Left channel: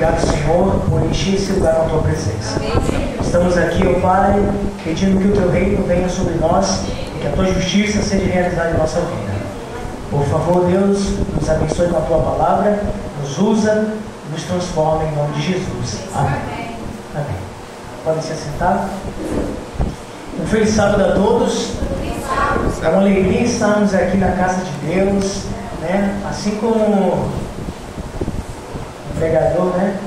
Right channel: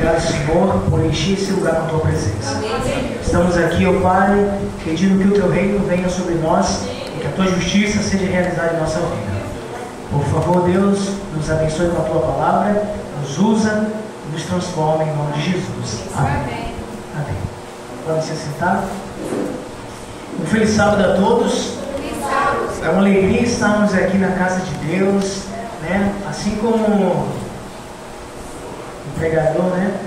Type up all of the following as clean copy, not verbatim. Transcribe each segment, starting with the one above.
obrigado, Senhor, por encher esse lugar com a tua presença. Estamos aqui, ó Pai, pedindo que o teu reino venha sobre nós e que a tua justiça seja realizada em nossa vida. Por favor, Deus, nos abençoe com a tua palavra, nos usa e nos transforma em nome de Jesus. Amém. Amém. Podem se sentar. Um feliz sábado a todos. É uma alegria estarmos aqui na casa de Deus, né? Assim como o pregador, né?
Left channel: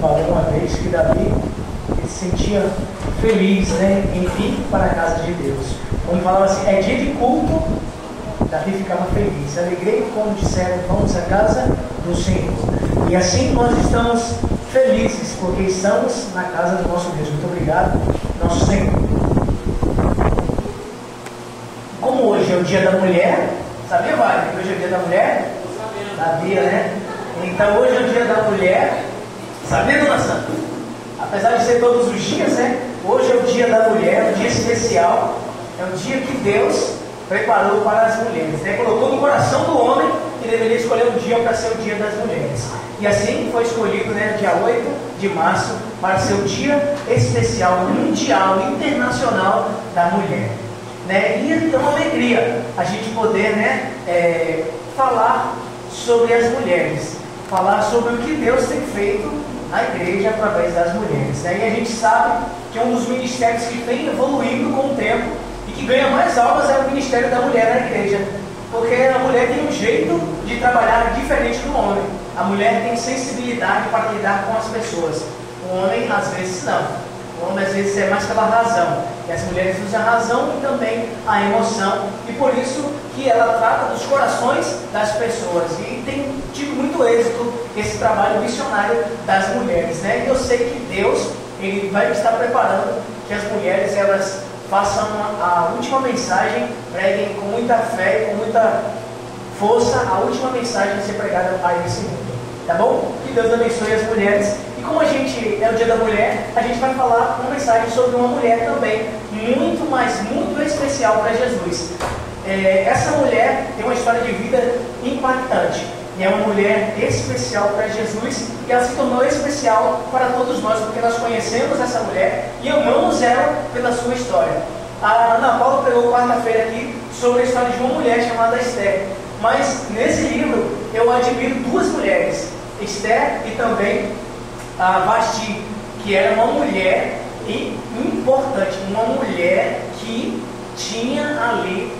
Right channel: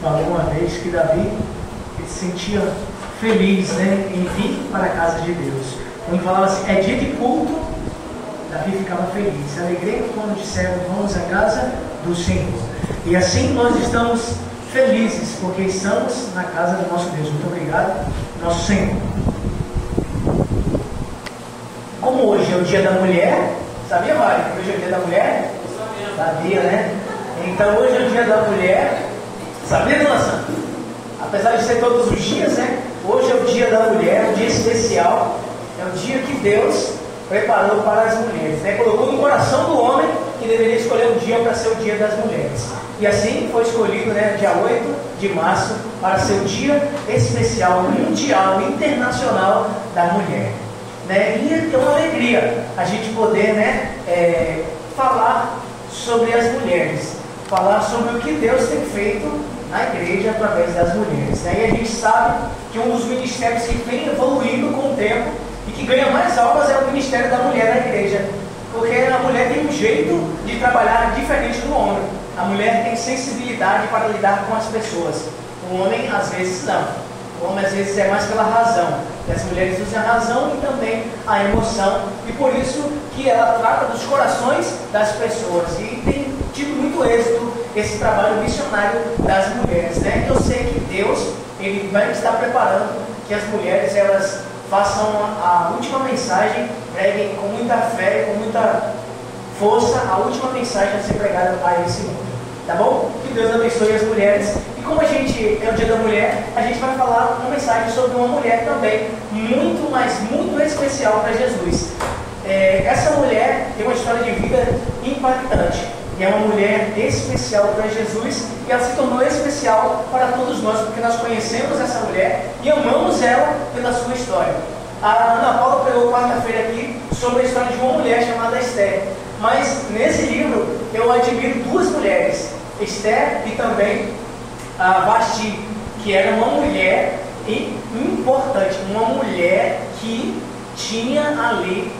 Falou uma vez que Davi ele se sentia feliz, né? Em vir para a casa de Deus. Quando falava assim, é dia de culto, Davi ficava feliz. Alegrei quando disseram, vamos à casa do Senhor. E assim nós estamos felizes, porque estamos na casa do nosso Deus. Muito obrigado, nosso Senhor. Como hoje é o dia da mulher, sabia, Mário, que hoje é o dia da mulher? Sabia, né? Então hoje é o dia da mulher, sabia, dona Santa? Apesar de ser todos os dias, né? Hoje é o dia da mulher, é um dia especial, é o dia que Deus preparou para as mulheres, né? Colocou no coração do homem que deveria escolher um dia para ser o dia das mulheres. E assim foi escolhido, né, dia 8 de março, para ser o dia especial, mundial, internacional da mulher. Né? E é uma alegria a gente poder, né, falar sobre as mulheres, falar sobre o que Deus tem feito na igreja através das mulheres. Né? E a gente sabe que um dos ministérios que vem evoluindo com o tempo e que ganha mais almas é o ministério da mulher na igreja. Porque a mulher tem um jeito de trabalhar diferente do homem. A mulher tem sensibilidade para lidar com as pessoas. O homem, às vezes, não. O homem, às vezes, é mais pela razão. E as mulheres usam a razão e também a emoção. E por isso que ela trata dos corações das pessoas. E tem tido muito êxito esse trabalho missionário das mulheres. Né? E eu sei que Deus ele vai estar preparando que as mulheres elas façam a última mensagem, preguem com muita fé e com muita força a última mensagem a ser pregada para esse mundo. Tá bom? Que Deus abençoe as mulheres. E como a gente é o dia da mulher, a gente vai falar uma mensagem sobre uma mulher também muito, mas muito especial para Jesus. Essa mulher tem uma história de vida impactante. E é uma mulher especial para Jesus. E ela se tornou especial para todos nós, porque nós conhecemos essa mulher e amamos ela pela sua história. A Ana Paula pregou quarta-feira aqui sobre a história de uma mulher chamada Esther. Mas nesse livro eu admiro duas mulheres, Esther e também a Vasti, que era uma mulher importante, uma mulher que tinha ali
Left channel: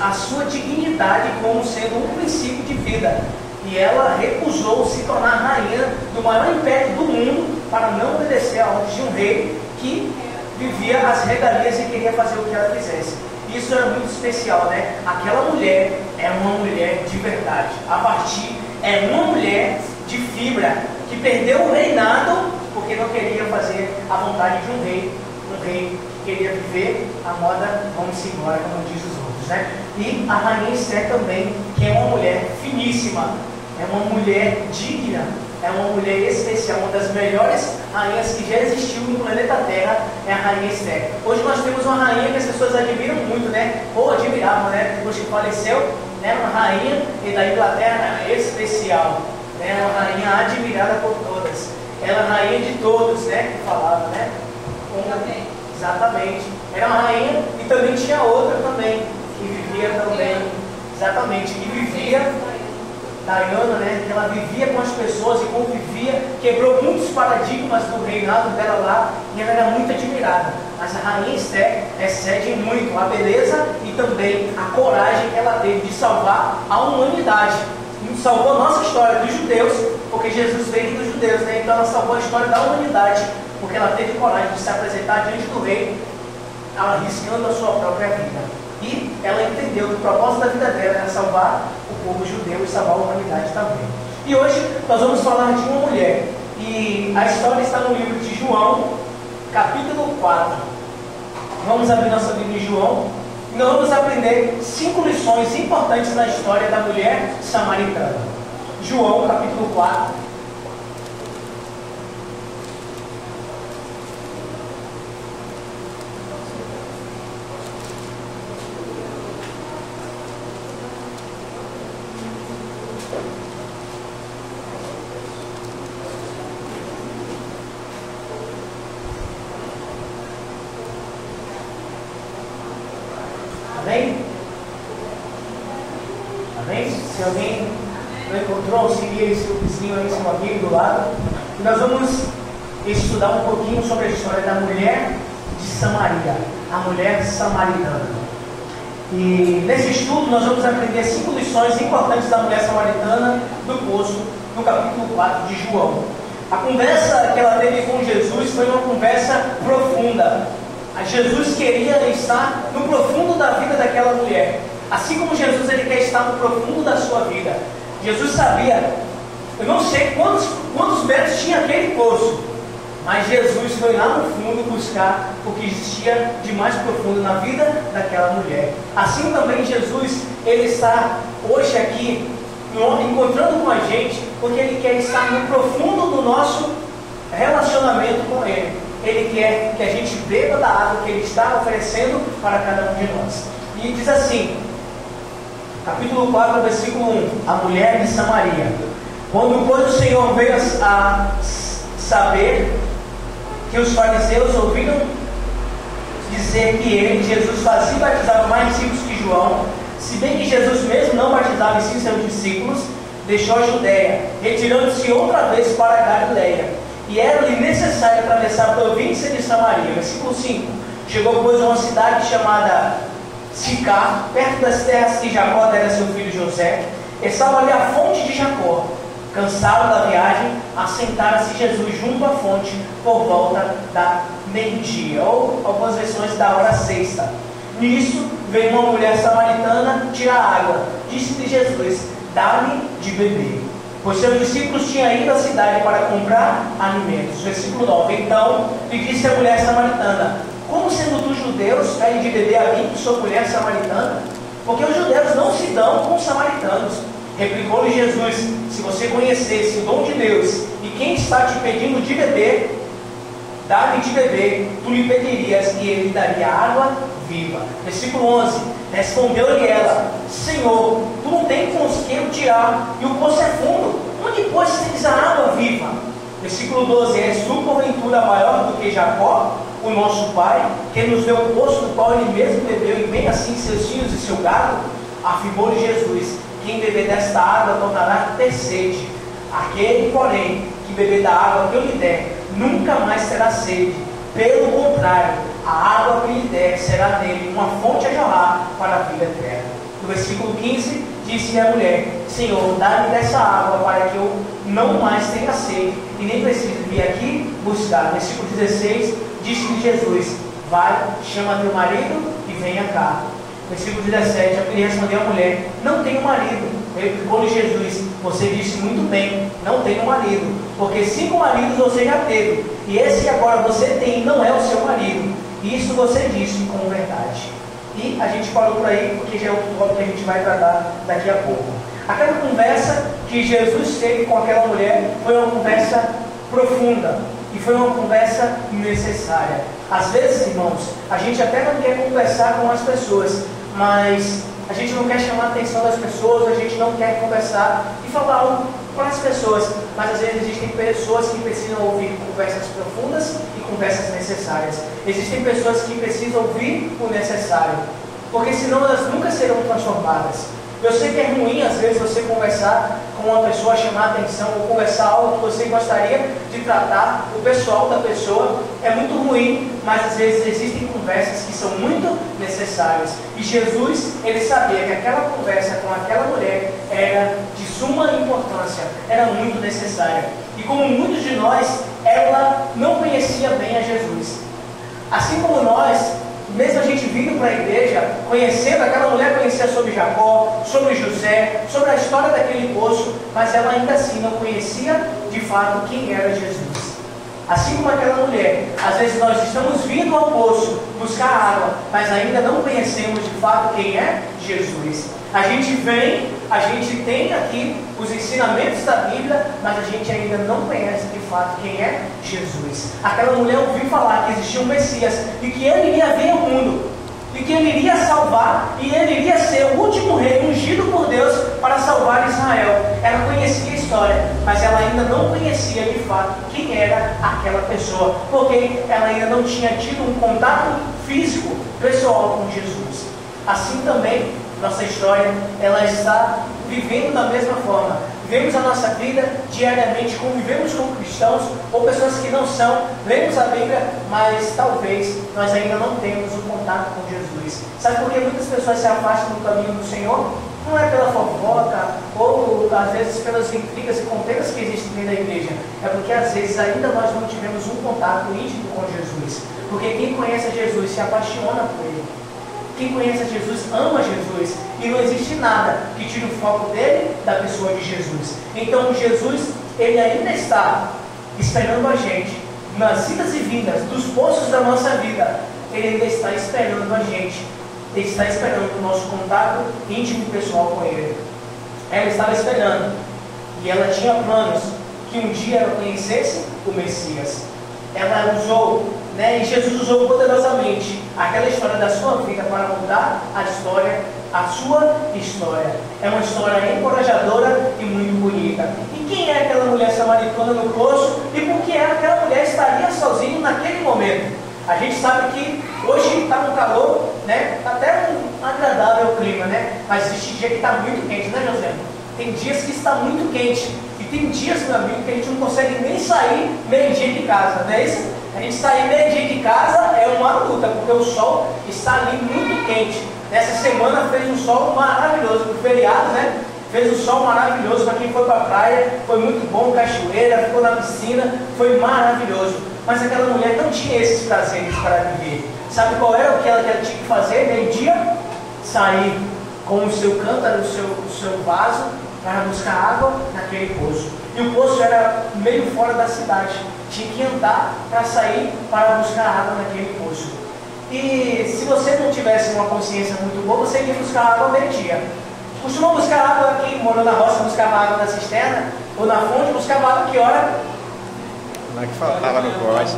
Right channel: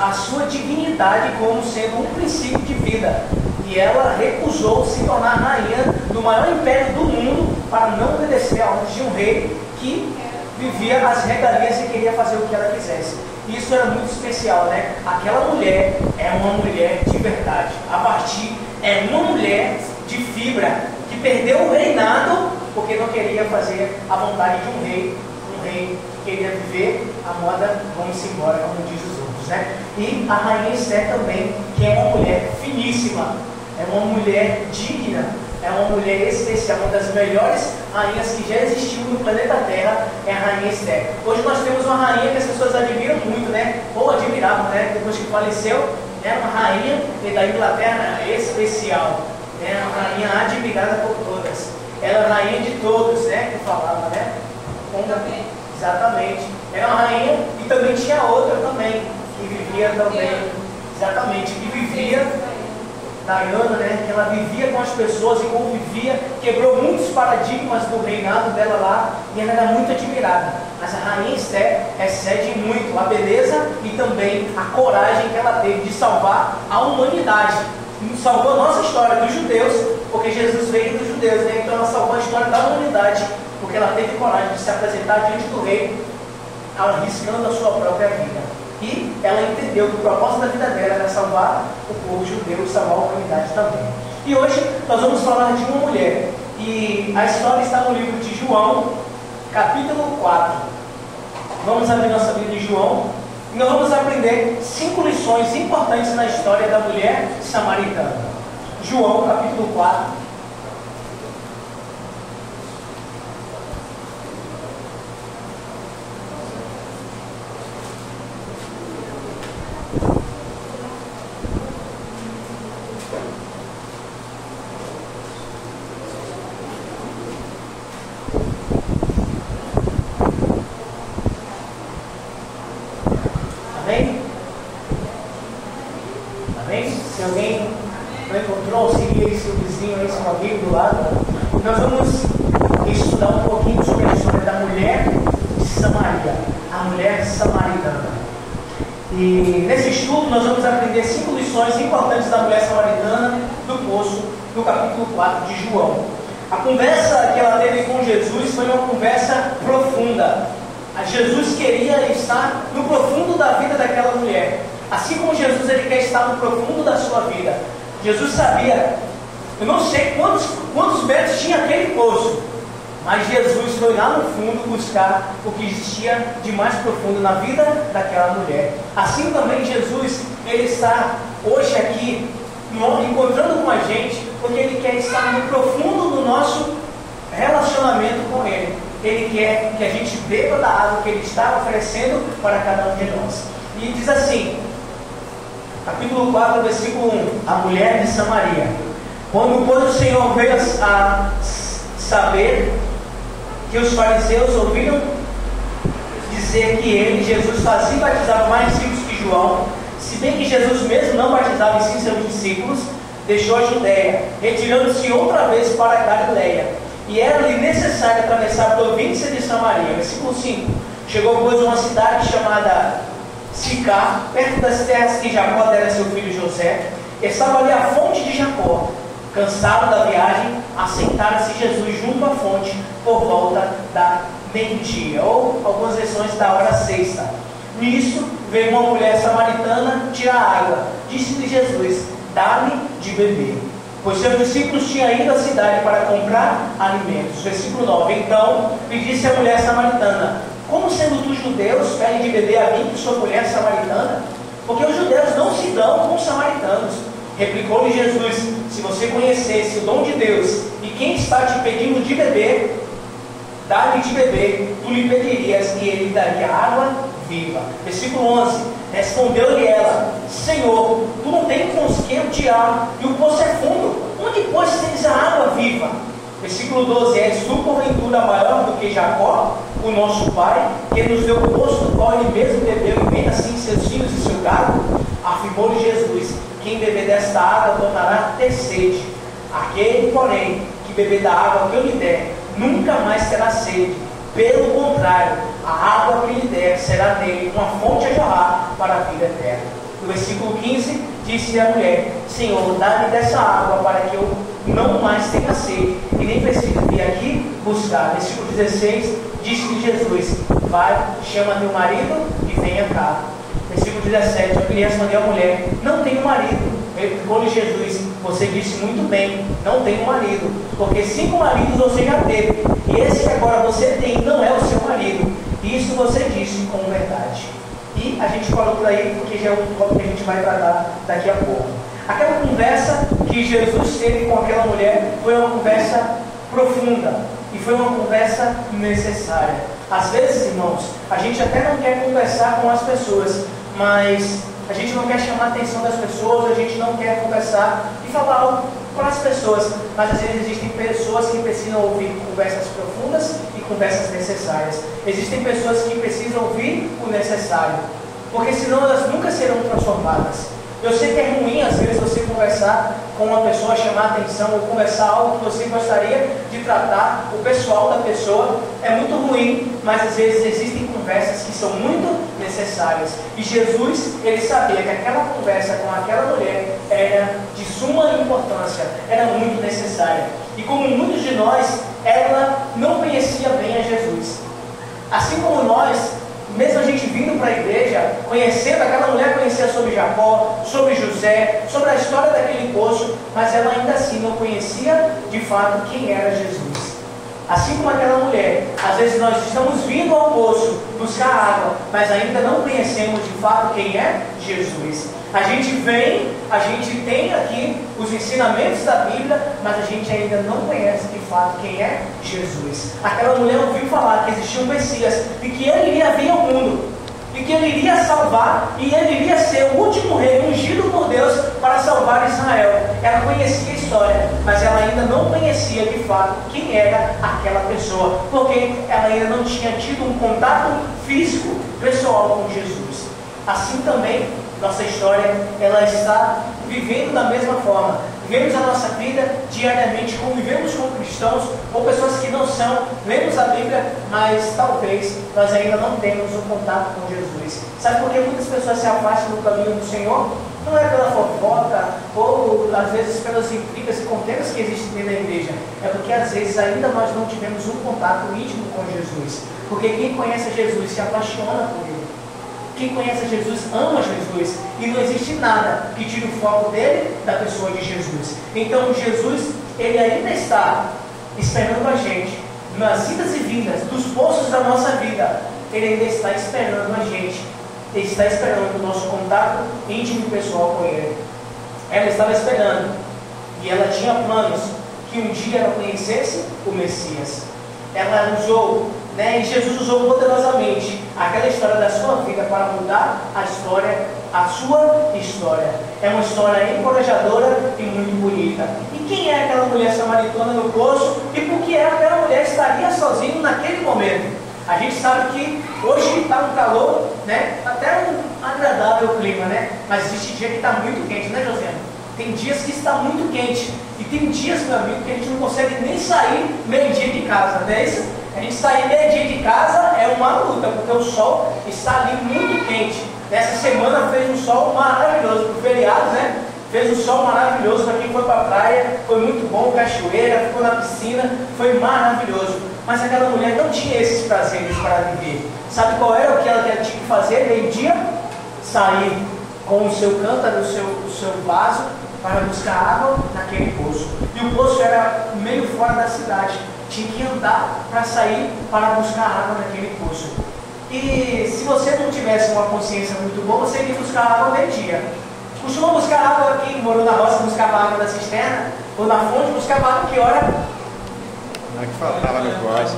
a sua dignidade como sendo um princípio de vida. E ela recusou se tornar rainha do maior império do mundo para não obedecer a ordem de um rei que vivia as regalias e queria fazer o que ela quisesse. Isso era muito especial, né? Aquela mulher é uma mulher de verdade. A Vasti é uma mulher de fibra que perdeu o reinado porque não queria fazer a vontade de um rei. Um rei queria viver a moda, vamos embora, como diz os outros, né? E a rainha Esther também, que é uma mulher finíssima, é uma mulher digna, é uma mulher especial, uma das melhores rainhas que já existiu no planeta Terra é a rainha Esther. Hoje nós temos uma rainha que as pessoas admiram muito, né? Ou admiravam, né? Depois que faleceu, né? Uma rainha da Inglaterra especial, né? Uma rainha admirada por todas. Ela é a rainha de todos, né? Que falava, né? Exatamente. Era uma rainha e também tinha outra também, que vivia também, exatamente, que vivia, Diana, né? Que ela vivia com as pessoas e convivia, quebrou muitos paradigmas do reinado dela lá e ela era muito admirada. Mas a rainha Esther excede muito a beleza e também a coragem que ela teve de salvar a humanidade. Salvou a nossa história dos judeus, porque Jesus veio dos judeus, né? Então ela salvou a história da humanidade, porque ela teve coragem de se apresentar diante do rei, arriscando a sua própria vida. E ela entendeu que o propósito da vida dela era salvar o povo judeu e salvar a humanidade também. E hoje nós vamos falar de uma mulher. E a história está no livro de João, capítulo 4. Vamos abrir nossa Bíblia em João. E nós vamos aprender 5 lições importantes na história da mulher samaritana. João, capítulo 4. seguir aí seu vizinho, aí, seu amigo do lado. E nós vamos estudar um pouquinho sobre a história da mulher de Samaria, a mulher samaritana. E nesse estudo nós vamos aprender 5 lições importantes da mulher samaritana do poço, no capítulo 4 de João. A conversa que ela teve com Jesus foi uma conversa profunda. Jesus queria estar no profundo da vida daquela mulher. Assim como Jesus ele quer estar no profundo da sua vida. Jesus sabia, eu não sei quantos metros tinha aquele poço, mas Jesus foi lá no fundo buscar o que existia de mais profundo na vida daquela mulher. Assim também Jesus, ele está hoje aqui encontrando com a gente, porque ele quer estar no profundo do nosso relacionamento com ele. Ele quer que a gente beba da água que ele está oferecendo para cada um de nós. E diz assim, capítulo 4, versículo 1, a mulher de Samaria. Quando o Senhor veio a saber que os fariseus ouviram dizer que ele, Jesus, fazia e batizava mais discípulos que João, se bem que Jesus mesmo não batizava em si seus discípulos, deixou a Judéia, retirando-se outra vez para a Galileia. E era-lhe necessário atravessar a província de Samaria. Versículo 5. Chegou depois a uma cidade chamada Sicar, perto das terras que Jacó dera seu filho José. Estava ali a fonte de Jacó. Cansado da viagem, assentara-se Jesus junto à fonte por volta da meio-dia, ou algumas versões da hora sexta. Nisso veio uma mulher samaritana tirar água. Disse-lhe Jesus: dá-me de beber. Pois seus discípulos tinham ido à cidade para comprar alimentos. Versículo 9. Então lhe disse a mulher samaritana: como sendo tu judeus, pedem de beber a mim, que sou mulher samaritana? Porque os judeus não se dão com os samaritanos. Replicou-lhe Jesus: se você conhecesse o dom de Deus e quem está te pedindo de beber, dá-lhe de beber, tu lhe pedirias e ele daria água viva. Versículo 11. Respondeu-lhe ela: Senhor, tu não tens com os que eu tirar, e o poço é fundo. Onde, pois, tens a água viva? Versículo 12. És tu, porventura, maior do que Jacó, o nosso pai, que nos deu o poço do qual ele mesmo bebeu, e bem assim seus filhos e seu gado? Afirmou-lhe Jesus: quem beber desta água tornará a ter sede. Aquele, porém, que beber da água que eu lhe der, nunca mais terá sede. Pelo contrário, a água que lhe der será nele uma fonte a jorrar para a vida eterna. No versículo 15, disse-lhe a mulher: Senhor, dá-me dessa água para que eu não mais tenha sede e nem precise vir aqui buscar. Versículo 16, disse-lhe Jesus: vai, chama teu marido e venha cá. Versículo 17, lhe respondeu a mulher: não tenho marido. Replicou-lhe Jesus: você disse muito bem, não tenho marido, porque 5 maridos você já teve, e esse que agora você tem não é o seu marido. Isso você disse com verdade. E a gente parou por aí, porque já é outro ponto que a gente vai tratar daqui a pouco. Aquela conversa que Jesus teve com aquela mulher foi uma conversa profunda, e foi uma conversa necessária. Às vezes, irmãos, a gente até não quer conversar com as pessoas, mas a gente não quer chamar a atenção das pessoas, a gente não quer conversar e falar algo com as pessoas, mas às vezes existem pessoas que precisam ouvir conversas profundas e conversas necessárias. Existem pessoas que precisam ouvir o necessário, porque senão elas nunca serão transformadas. Eu sei que é ruim às vezes você conversar com uma pessoa, chamar a atenção, ou conversar algo que você gostaria de tratar, o pessoal da pessoa, é muito ruim, mas às vezes existem conversas que são muito necessárias. E Jesus, ele sabia que aquela conversa com aquela mulher era de suma importância, era muito necessária. E como muitos de nós, ela não conhecia bem a Jesus. Assim como nós, mesmo a gente vindo para a igreja, conhecendo, aquela mulher conhecia sobre Jacó, sobre José, sobre a história daquele poço, mas ela ainda assim não conhecia de fato quem era Jesus. Assim como aquela mulher, às vezes nós estamos vindo ao poço buscar água, mas ainda não conhecemos de fato quem é Jesus. A gente vem, a gente tem aqui os ensinamentos da Bíblia, mas a gente ainda não conhece de fato quem é Jesus. Aquela mulher ouviu falar que existia um Messias e que ele iria vir ao mundo, e que ele iria salvar, e ele iria ser o último rei ungido por Deus para salvar Israel. Ela conhecia a história, mas ela ainda não conhecia de fato quem era aquela pessoa, porque ela ainda não tinha tido um contato físico, pessoal com Jesus. Assim também, nossa história, ela está vivendo da mesma forma. vemos a nossa vida diariamente, convivemos com cristãos ou pessoas que não são, lemos a Bíblia, mas talvez nós ainda não temos um contato com Jesus. Sabe por que muitas pessoas se afastam do caminho do Senhor? Não é pela fofoca ou às vezes pelas intrigas e contendas que existem dentro da igreja. É porque às vezes ainda nós não tivemos um contato íntimo com Jesus. Porque quem conhece Jesus se apaixona por Ele. Quem conhece Jesus ama Jesus. E não existe nada que tire o foco dele da pessoa de Jesus. Então Jesus, Ele ainda está esperando a gente nas idas e vindas dos poços da nossa vida. Ele ainda está esperando a gente. Ele está esperando o nosso contato íntimo e pessoal com Ele. Ela estava esperando. E ela tinha planos que um dia ela conhecesse o Messias. Ela usou, e Jesus usou poderosamente aquela história da sua vida para mudar a sua história. É uma história encorajadora e muito bonita. E quem é aquela mulher samaritana no poço? E por que aquela mulher estaria sozinha naquele momento? A gente sabe que hoje está um calor, até um agradável clima, mas existe dia que está muito quente, José? Tem dias que está muito quente. E tem dias, meu amigo, que a gente não consegue nem sair meio-dia de casa, não é isso? A gente sair meio-dia de casa é uma luta, porque o sol está ali muito quente. Essa semana fez um sol maravilhoso, pro feriado, fez um sol maravilhoso para quem foi para a praia, foi muito bom, cachoeira, ficou na piscina, foi maravilhoso. Mas aquela mulher não tinha esses prazeres para viver. Sabe qual era o que ela tinha que fazer meio-dia? Sair com o seu cântaro, o seu vaso, para buscar água naquele poço. E o poço era meio fora da cidade. Tinha que andar para sair para buscar água naquele poço. E se você não tivesse uma consciência muito boa, você iria buscar água meio-dia. Costumam buscar água, quem morou na roça buscava água da cisterna, ou na fonte, buscava água que hora? Não é que faltava no pote.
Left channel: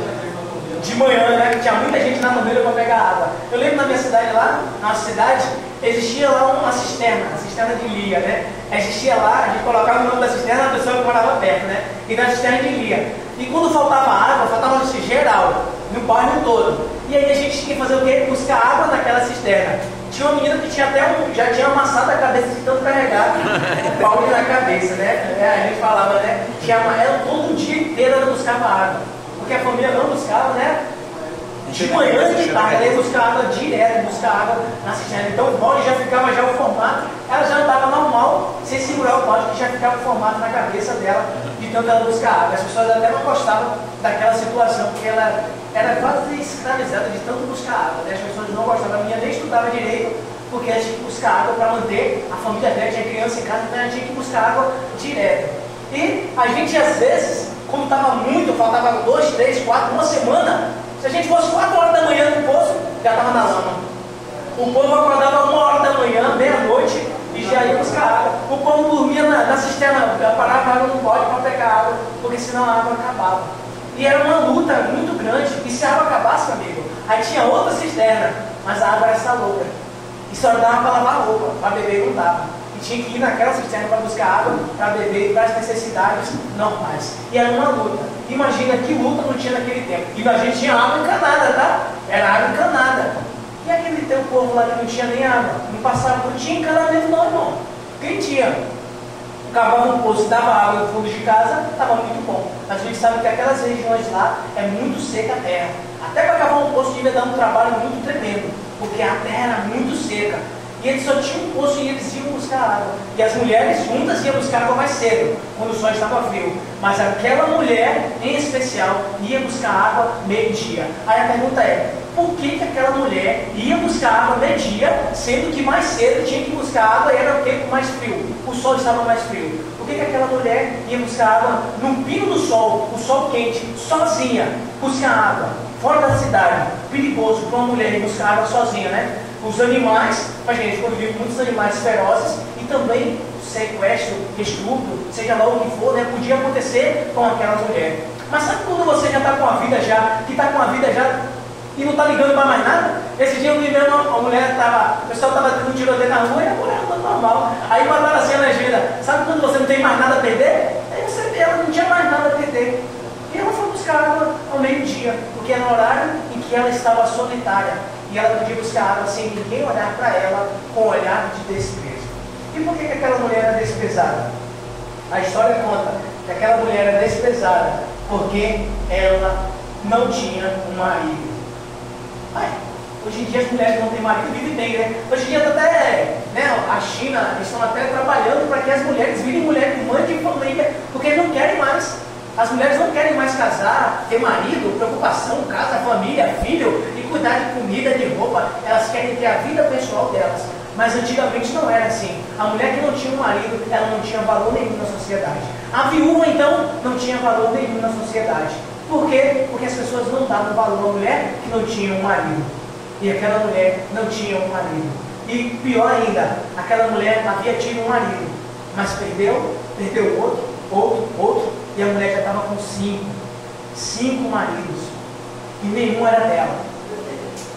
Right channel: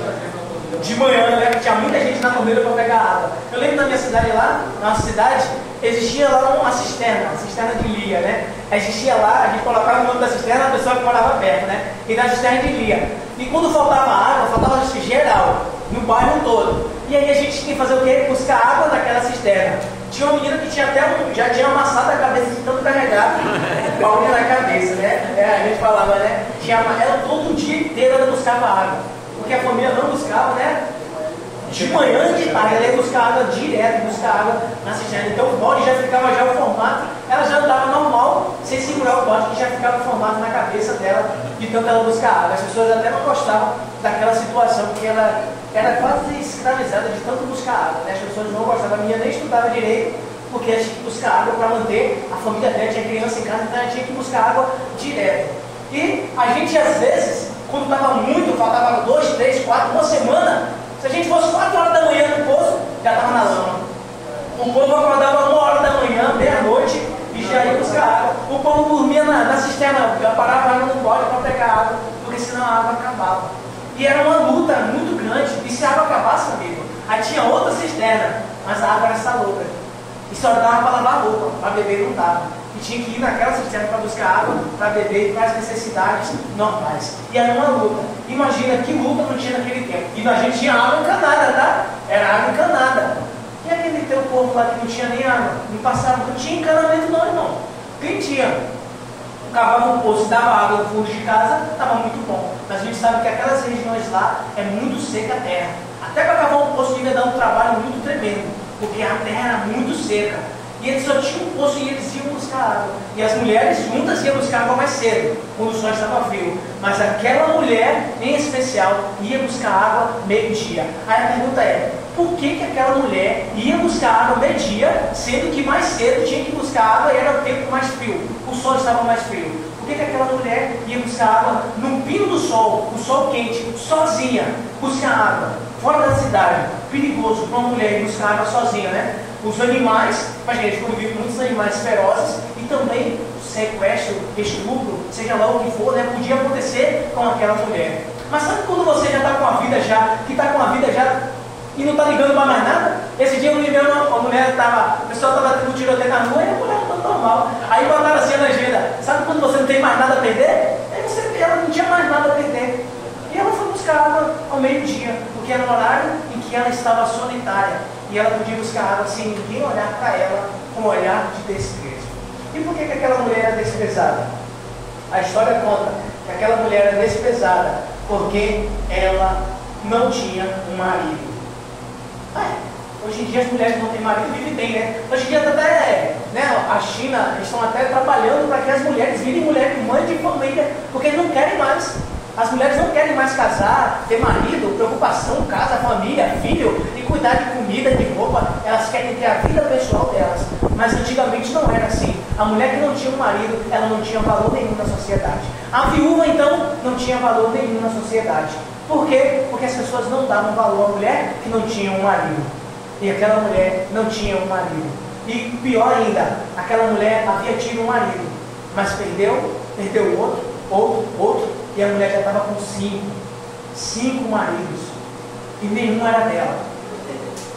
De manhã, tinha muita gente na mangueira para pegar água. Eu lembro na minha cidade lá, na nossa cidade, existia lá uma cisterna, a cisterna de Lia, Existia lá, a gente colocava o nome da cisterna na pessoa que morava perto, E na cisterna de Lia. E quando faltava água, faltava geral, no bairro todo. E aí a gente tinha que fazer o quê? Buscar água naquela cisterna. Tinha uma menina que tinha até já tinha amassado a cabeça de tanto carregar o balde na cabeça, A gente falava, ela todo dia inteiro ela buscava água. Porque a família não buscava, de manhã e de tarde, ela ia buscar água direto, buscar água na cisterna. Então o balde já ficava o formato, ela já estava normal, sem segurar o balde, que já ficava o formato na cabeça dela, de tanto ela buscar água. As pessoas até não gostavam daquela situação, porque ela era quase escravizada de tanto buscar água. As pessoas não gostavam, a minha nem estudava direito, porque ela tinha que buscar água para manter a família dela, tinha criança em casa, então ela tinha que buscar água direto. E a gente às vezes, quando estava muito, faltava 2, 3, 4, uma semana, se a gente fosse 4 horas da manhã no poço, já estava na lama. O povo acordava 1 hora da manhã, meia-noite, e já ia buscar água. O povo dormia na cisterna, parava a água no balde para pegar água, porque senão a água acabava. E era uma luta muito grande. E se a água acabasse, amigo, aí tinha outra cisterna, mas a água era salobra. E só dava para lavar a roupa, para beber não dava. E tinha que ir naquela cisterna para buscar água, para beber, para as necessidades normais. E era uma luta. Imagina que luta não tinha naquele tempo. E a gente tinha água encanada, tá? Era água encanada. E aquele teu povo lá que não tinha nem água, não passava, não tinha encanamento não, irmão. Quem tinha? Cavava um poço, dava água no fundo de casa, estava muito bom. Mas a gente sabe que aquelas regiões lá é muito seca a terra. Até para cavar um poço devia dar um trabalho muito tremendo, porque a terra era muito seca. E eles só tinham um poço e eles iam buscar água. E as mulheres juntas iam buscar água mais cedo, quando o sol estava frio. Mas aquela mulher, em especial, ia buscar água meio-dia. Aí a pergunta é, por que aquela mulher ia buscar água meio-dia, sendo que mais cedo tinha que buscar água e era o tempo mais frio? O sol estava mais frio. Por que aquela mulher ia buscar água no pino do sol, o sol quente, sozinha, buscar água, fora da cidade? Perigoso para uma mulher ir buscar água sozinha, Os animais, a gente convive muitos animais ferozes e também sequestro, estupro, seja lá o que for, podia acontecer com aquela mulher. Mas sabe quando você já está com a vida e não está ligando para mais nada? Esse dia eu me vi uma mulher, o pessoal estava tendo um tiroteio na rua e a mulher estava normal. Aí mandaram assim a legenda, sabe quando você não tem mais nada a perder? Aí você vê, ela não tinha mais nada a perder. E ela foi buscar água ao meio-dia, porque era o horário em que ela estava solitária. E ela podia buscar água sem ninguém olhar para ela com um olhar de desprezo. E por que aquela mulher era desprezada? A história conta que aquela mulher era desprezada porque ela não tinha um marido. Hoje em dia as mulheres não têm marido, vivem bem, né? Hoje em dia até, né, a China estão até trabalhando para que as mulheres virem mulheres, mães de família, porque não querem mais. As mulheres não querem mais casar, ter marido, preocupação, casa, família, filho, e cuidar de comida, de roupa. Elas querem ter a vida pessoal delas. Mas antigamente não era assim. A mulher que não tinha um marido, ela não tinha valor nenhum na sociedade. A viúva, então, não tinha valor nenhum na sociedade. Por quê? Porque as pessoas não davam valor à mulher que não tinha um marido. E aquela mulher não tinha um marido. E pior ainda, aquela mulher havia tido um marido, mas perdeu outro, e a mulher já estava com cinco maridos, e nenhum era dela.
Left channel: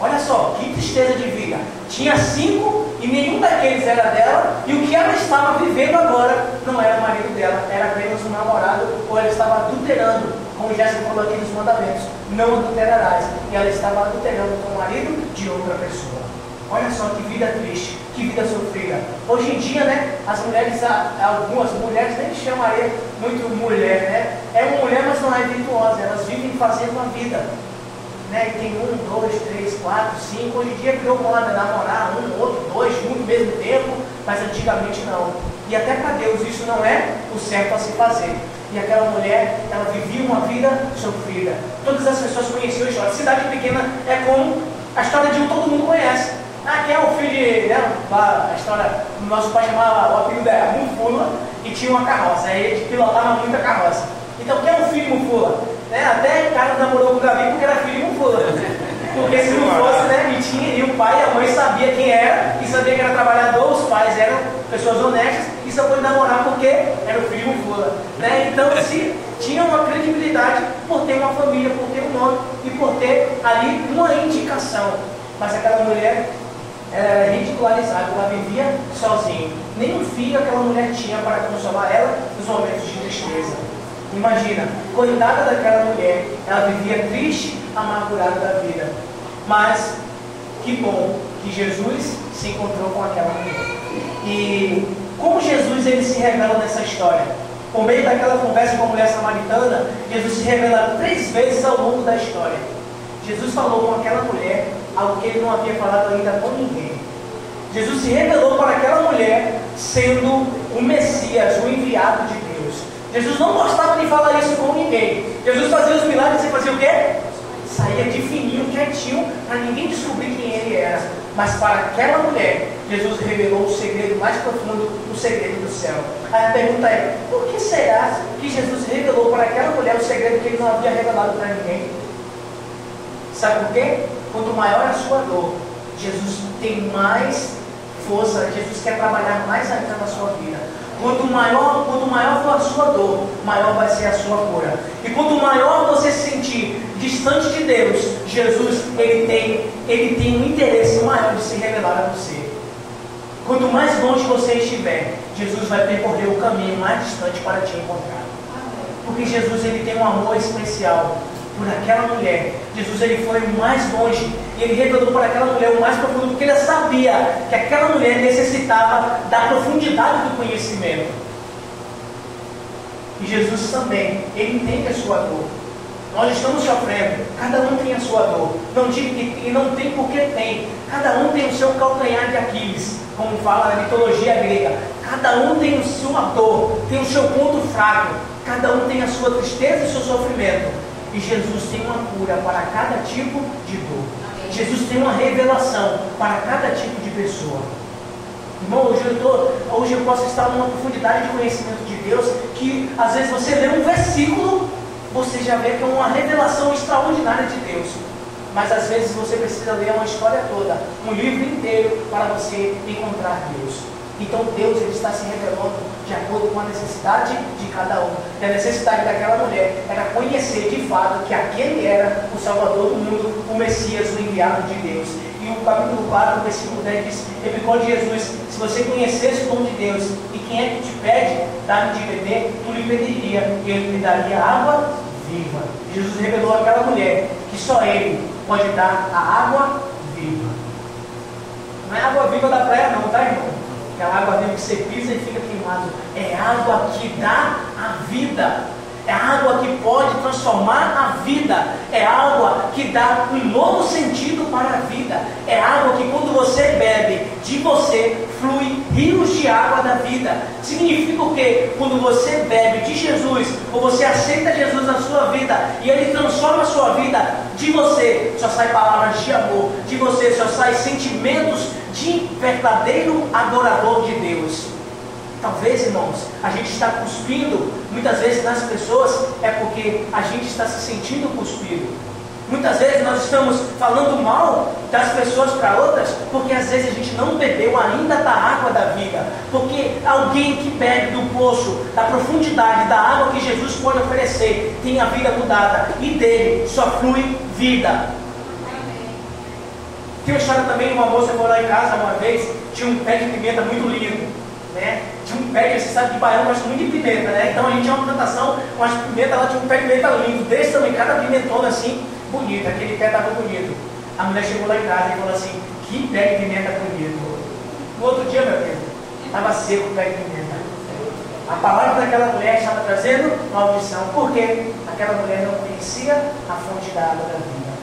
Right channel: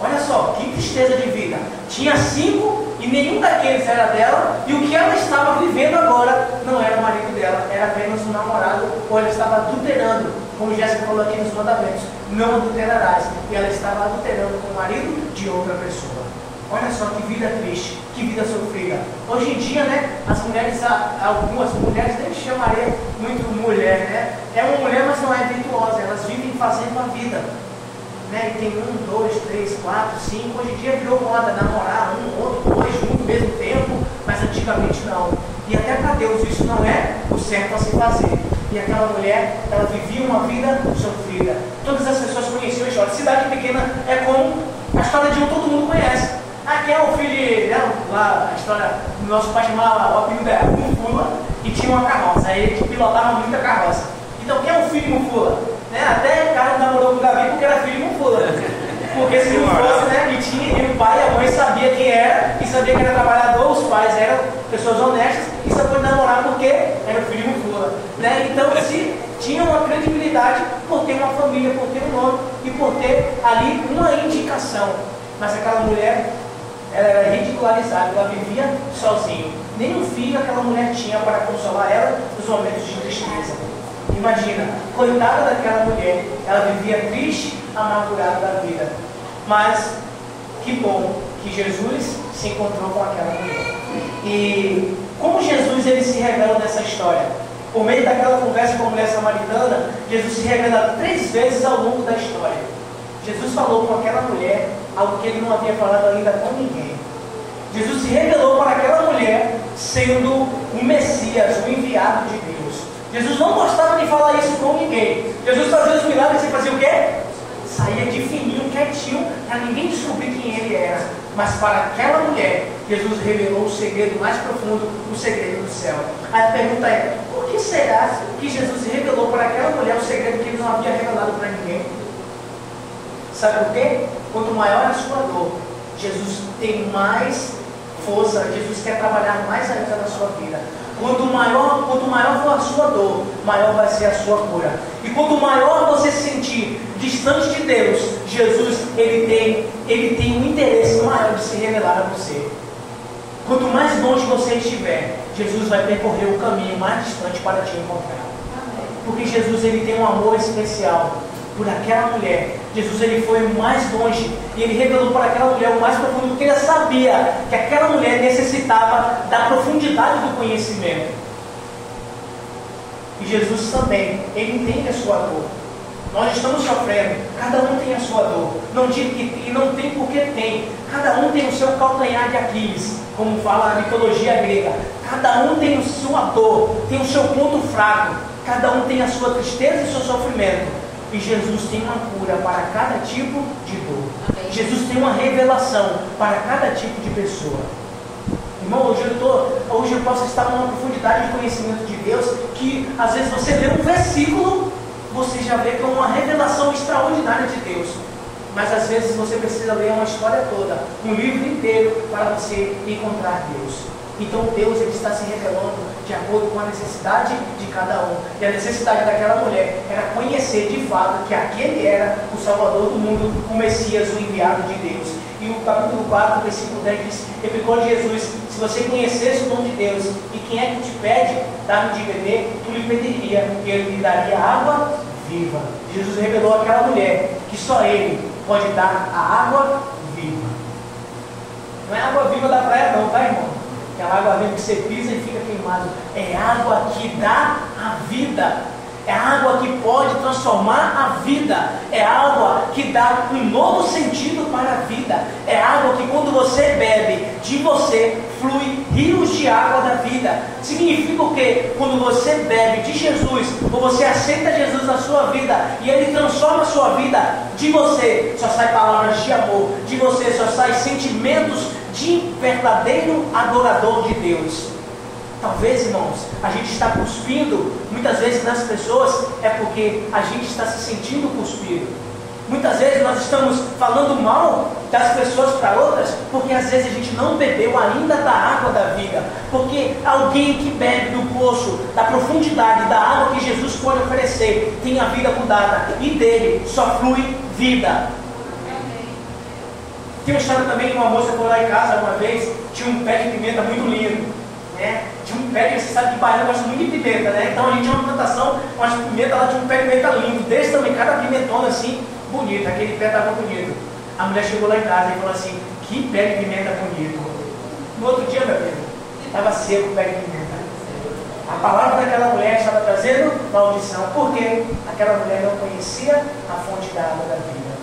Olha só, que tristeza de vida. Tinha 5 e nenhum daqueles era dela, e o que ela estava vivendo agora não era marido dela, era apenas um namorado, ou ela estava adulterando, como Jéssica falou aqui nos mandamentos, não adulterarás, e ela estava adulterando com o marido de outra pessoa. Olha só que vida triste, que vida sofrida. Hoje em dia, né, as mulheres, algumas mulheres nem chamariam muito mulher, né? É uma mulher, mas não é virtuosa, elas vivem fazendo a vida. Né? E tem 1, 2, 3, 4, 5. Hoje em dia virou moda namorar um, outro, dois, no mesmo tempo, mas antigamente não. E até para Deus isso não é o certo a se fazer. E aquela mulher, ela vivia uma vida sofrida. Todas as pessoas conheciam a história. Cidade pequena é como a história de um todo mundo conhece. Aqui é o filho de, né, a história, o nosso pai chamava, o apelido era Mufula, e tinha uma carroça. Aí ele pilotava muito a carroça. Então quem é o filho de Mufula? Né? Até o cara namorou com o Davi porque era filho de Mufula. Porque se não fosse, né, e o pai e a mãe sabia quem era, e sabia que era trabalhador, os pais eram pessoas honestas, e só pôde namorar porque era o filho de Mufula. Né? Então se tinha uma credibilidade por ter uma família, por ter um nome, e por ter ali uma indicação. Mas aquela mulher era ridicularizada, ela vivia sozinha. Nenhum filho aquela mulher tinha para consolar ela nos momentos de tristeza. Imagina, coitada daquela mulher, ela vivia triste, amargurada da vida. Mas que bom que Jesus se encontrou com aquela mulher. E como Jesus ele se revela nessa história? Por meio daquela conversa com a mulher samaritana, Jesus se revela 3 vezes ao longo da história. Jesus falou com aquela mulher algo que ele não havia falado ainda com ninguém. Jesus se revelou para aquela mulher sendo o Messias, o enviado de Deus. Jesus não gostava de falar isso com ninguém. Jesus fazia os milagres e fazia o quê? Saía de fininho, quietinho, para ninguém descobrir quem ele era. Mas para aquela mulher, Jesus revelou o segredo mais profundo, o segredo do céu. Aí a pergunta é, por que será que Jesus revelou para aquela mulher o segredo que ele não havia revelado para ninguém? Sabe por quê? Quanto maior a sua dor, Jesus tem mais força, Jesus quer trabalhar mais ainda na sua vida. Quanto maior for a sua dor, maior vai ser a sua cura. E quanto maior você se sentir distante de Deus, Jesus ele tem um interesse maior de se revelar a você. Quanto mais longe você estiver, Jesus vai percorrer o caminho mais distante para te encontrar. Porque Jesus ele tem um amor especial por aquela mulher. Jesus ele foi mais longe e ele revelou para aquela mulher o mais profundo, porque ele sabia que aquela mulher necessitava da profundidade do conhecimento. E Jesus também, ele entende a sua dor. Nós estamos sofrendo, cada um tem a sua dor. Não digo que e não tem porque tem. Cada um tem o seu calcanhar de Aquiles, como fala a mitologia grega. Cada um tem a sua dor, tem o seu ponto fraco. Cada um tem a sua tristeza e o seu sofrimento. E Jesus tem uma cura para cada tipo de dor. Amém. Jesus tem uma revelação para cada tipo de pessoa. Irmão, hoje eu posso estar numa profundidade de conhecimento de Deus que às vezes você lê um versículo, você já vê que é uma revelação extraordinária de Deus. Mas às vezes você precisa ler uma história toda, um livro inteiro para você encontrar Deus. Então Deus ele está se revelando de acordo com a necessidade de cada um. E a necessidade daquela mulher era conhecer de fato que aquele era o Salvador do mundo, o Messias, o enviado de Deus. E o capítulo 4, versículo 10 diz, replicou Jesus, se você conhecesse o dom de Deus, e quem é que te pede dar-me de beber, tu lhe pediria, e ele lhe daria água viva. Jesus revelou àquela mulher que só ele pode dar a água viva. Não é água viva da praia não, tá, irmão? aquela água viva que você pisa e fica queimado. É água que dá a vida. É água que pode transformar a vida. É água que dá um novo sentido para a vida. É água que quando você bebe, de você flui rios de água da vida. Significa o quê? Quando você bebe de Jesus, ou você aceita Jesus na sua vida, e Ele transforma a sua vida, de você só sai palavras de amor, de você só sai sentimentos de verdadeiro adorador de Deus. Talvez, irmãos, a gente está cuspindo muitas vezes nas pessoas, é porque a gente está se sentindo cuspido. Muitas vezes nós estamos falando mal das pessoas para outras, porque às vezes a gente não bebeu ainda da água da vida. Porque alguém que bebe do poço, da profundidade, da água que Jesus pode oferecer, tem a vida mudada, e dele só flui vida. Tem uma história também de uma moça que foi lá em casa uma vez, tinha um pé de pimenta muito lindo, né? Tinha um pé, você sabe que baiano gosta muito de pimenta, né? Então a gente tinha uma plantação, umas pimentas, lá tinha um pé de pimenta lindo, desse também, cada pimentona assim, bonito, aquele pé estava bonito. A mulher chegou lá em casa e falou assim: que pé de pimenta bonito. No outro dia, meu filho, estava seco o pé de pimenta. A palavra daquela mulher estava trazendo uma audição, porque aquela mulher não conhecia a fonte da água da vida.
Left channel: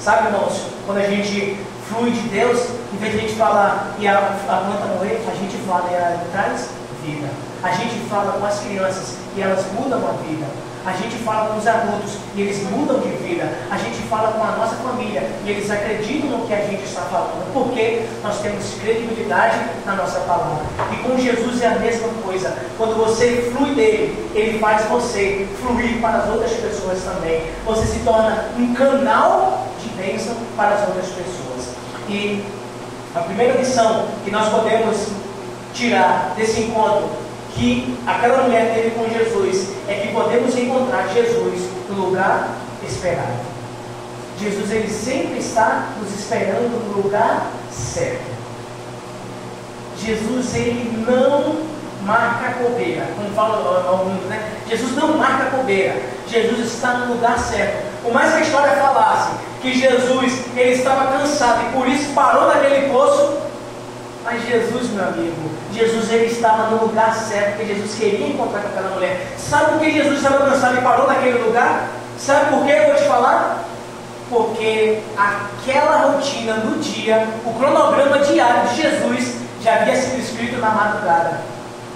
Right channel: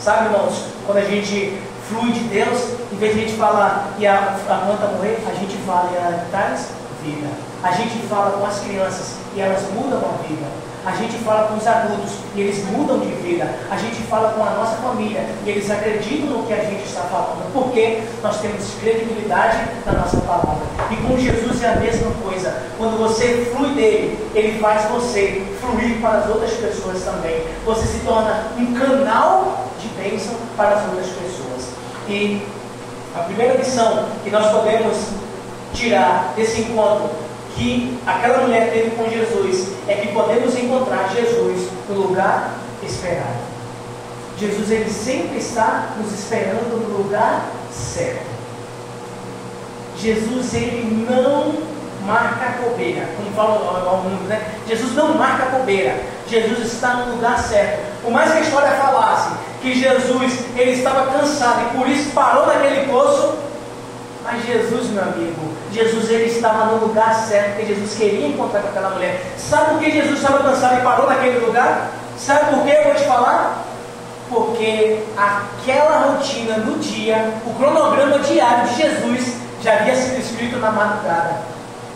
Sabe, irmãos, quando a gente flui de Deus, em vez de a gente falar e a planta morrer, a gente fala e ela traz vida. A gente fala com as crianças e elas mudam a vida. A gente fala com os adultos e eles mudam de vida. A gente fala com a nossa família e eles acreditam no que a gente está falando, porque nós temos credibilidade na nossa palavra. E com Jesus é a mesma coisa. Quando você flui dele, ele faz você fluir para as outras pessoas também. Você se torna um canal de bênção para as outras pessoas. E a primeira lição que nós podemos tirar desse encontro que aquela mulher teve com Jesus é que podemos encontrar Jesus no lugar esperado. Jesus, ele sempre está nos esperando no lugar certo. Jesus, ele não marca bobeira, como fala ao mundo, né? Jesus não marca bobeira. Jesus está no lugar certo. Por mais que a história falasse que Jesus, ele estava cansado e por isso parou naquele poço, mas Jesus, meu amigo, Jesus, ele estava no lugar certo, porque Jesus queria encontrar com aquela mulher. Sabe por que Jesus estava cansado e parou naquele lugar? Sabe por que eu vou te falar? Porque aquela rotina do dia, o cronograma diário de Jesus já havia sido escrito na madrugada.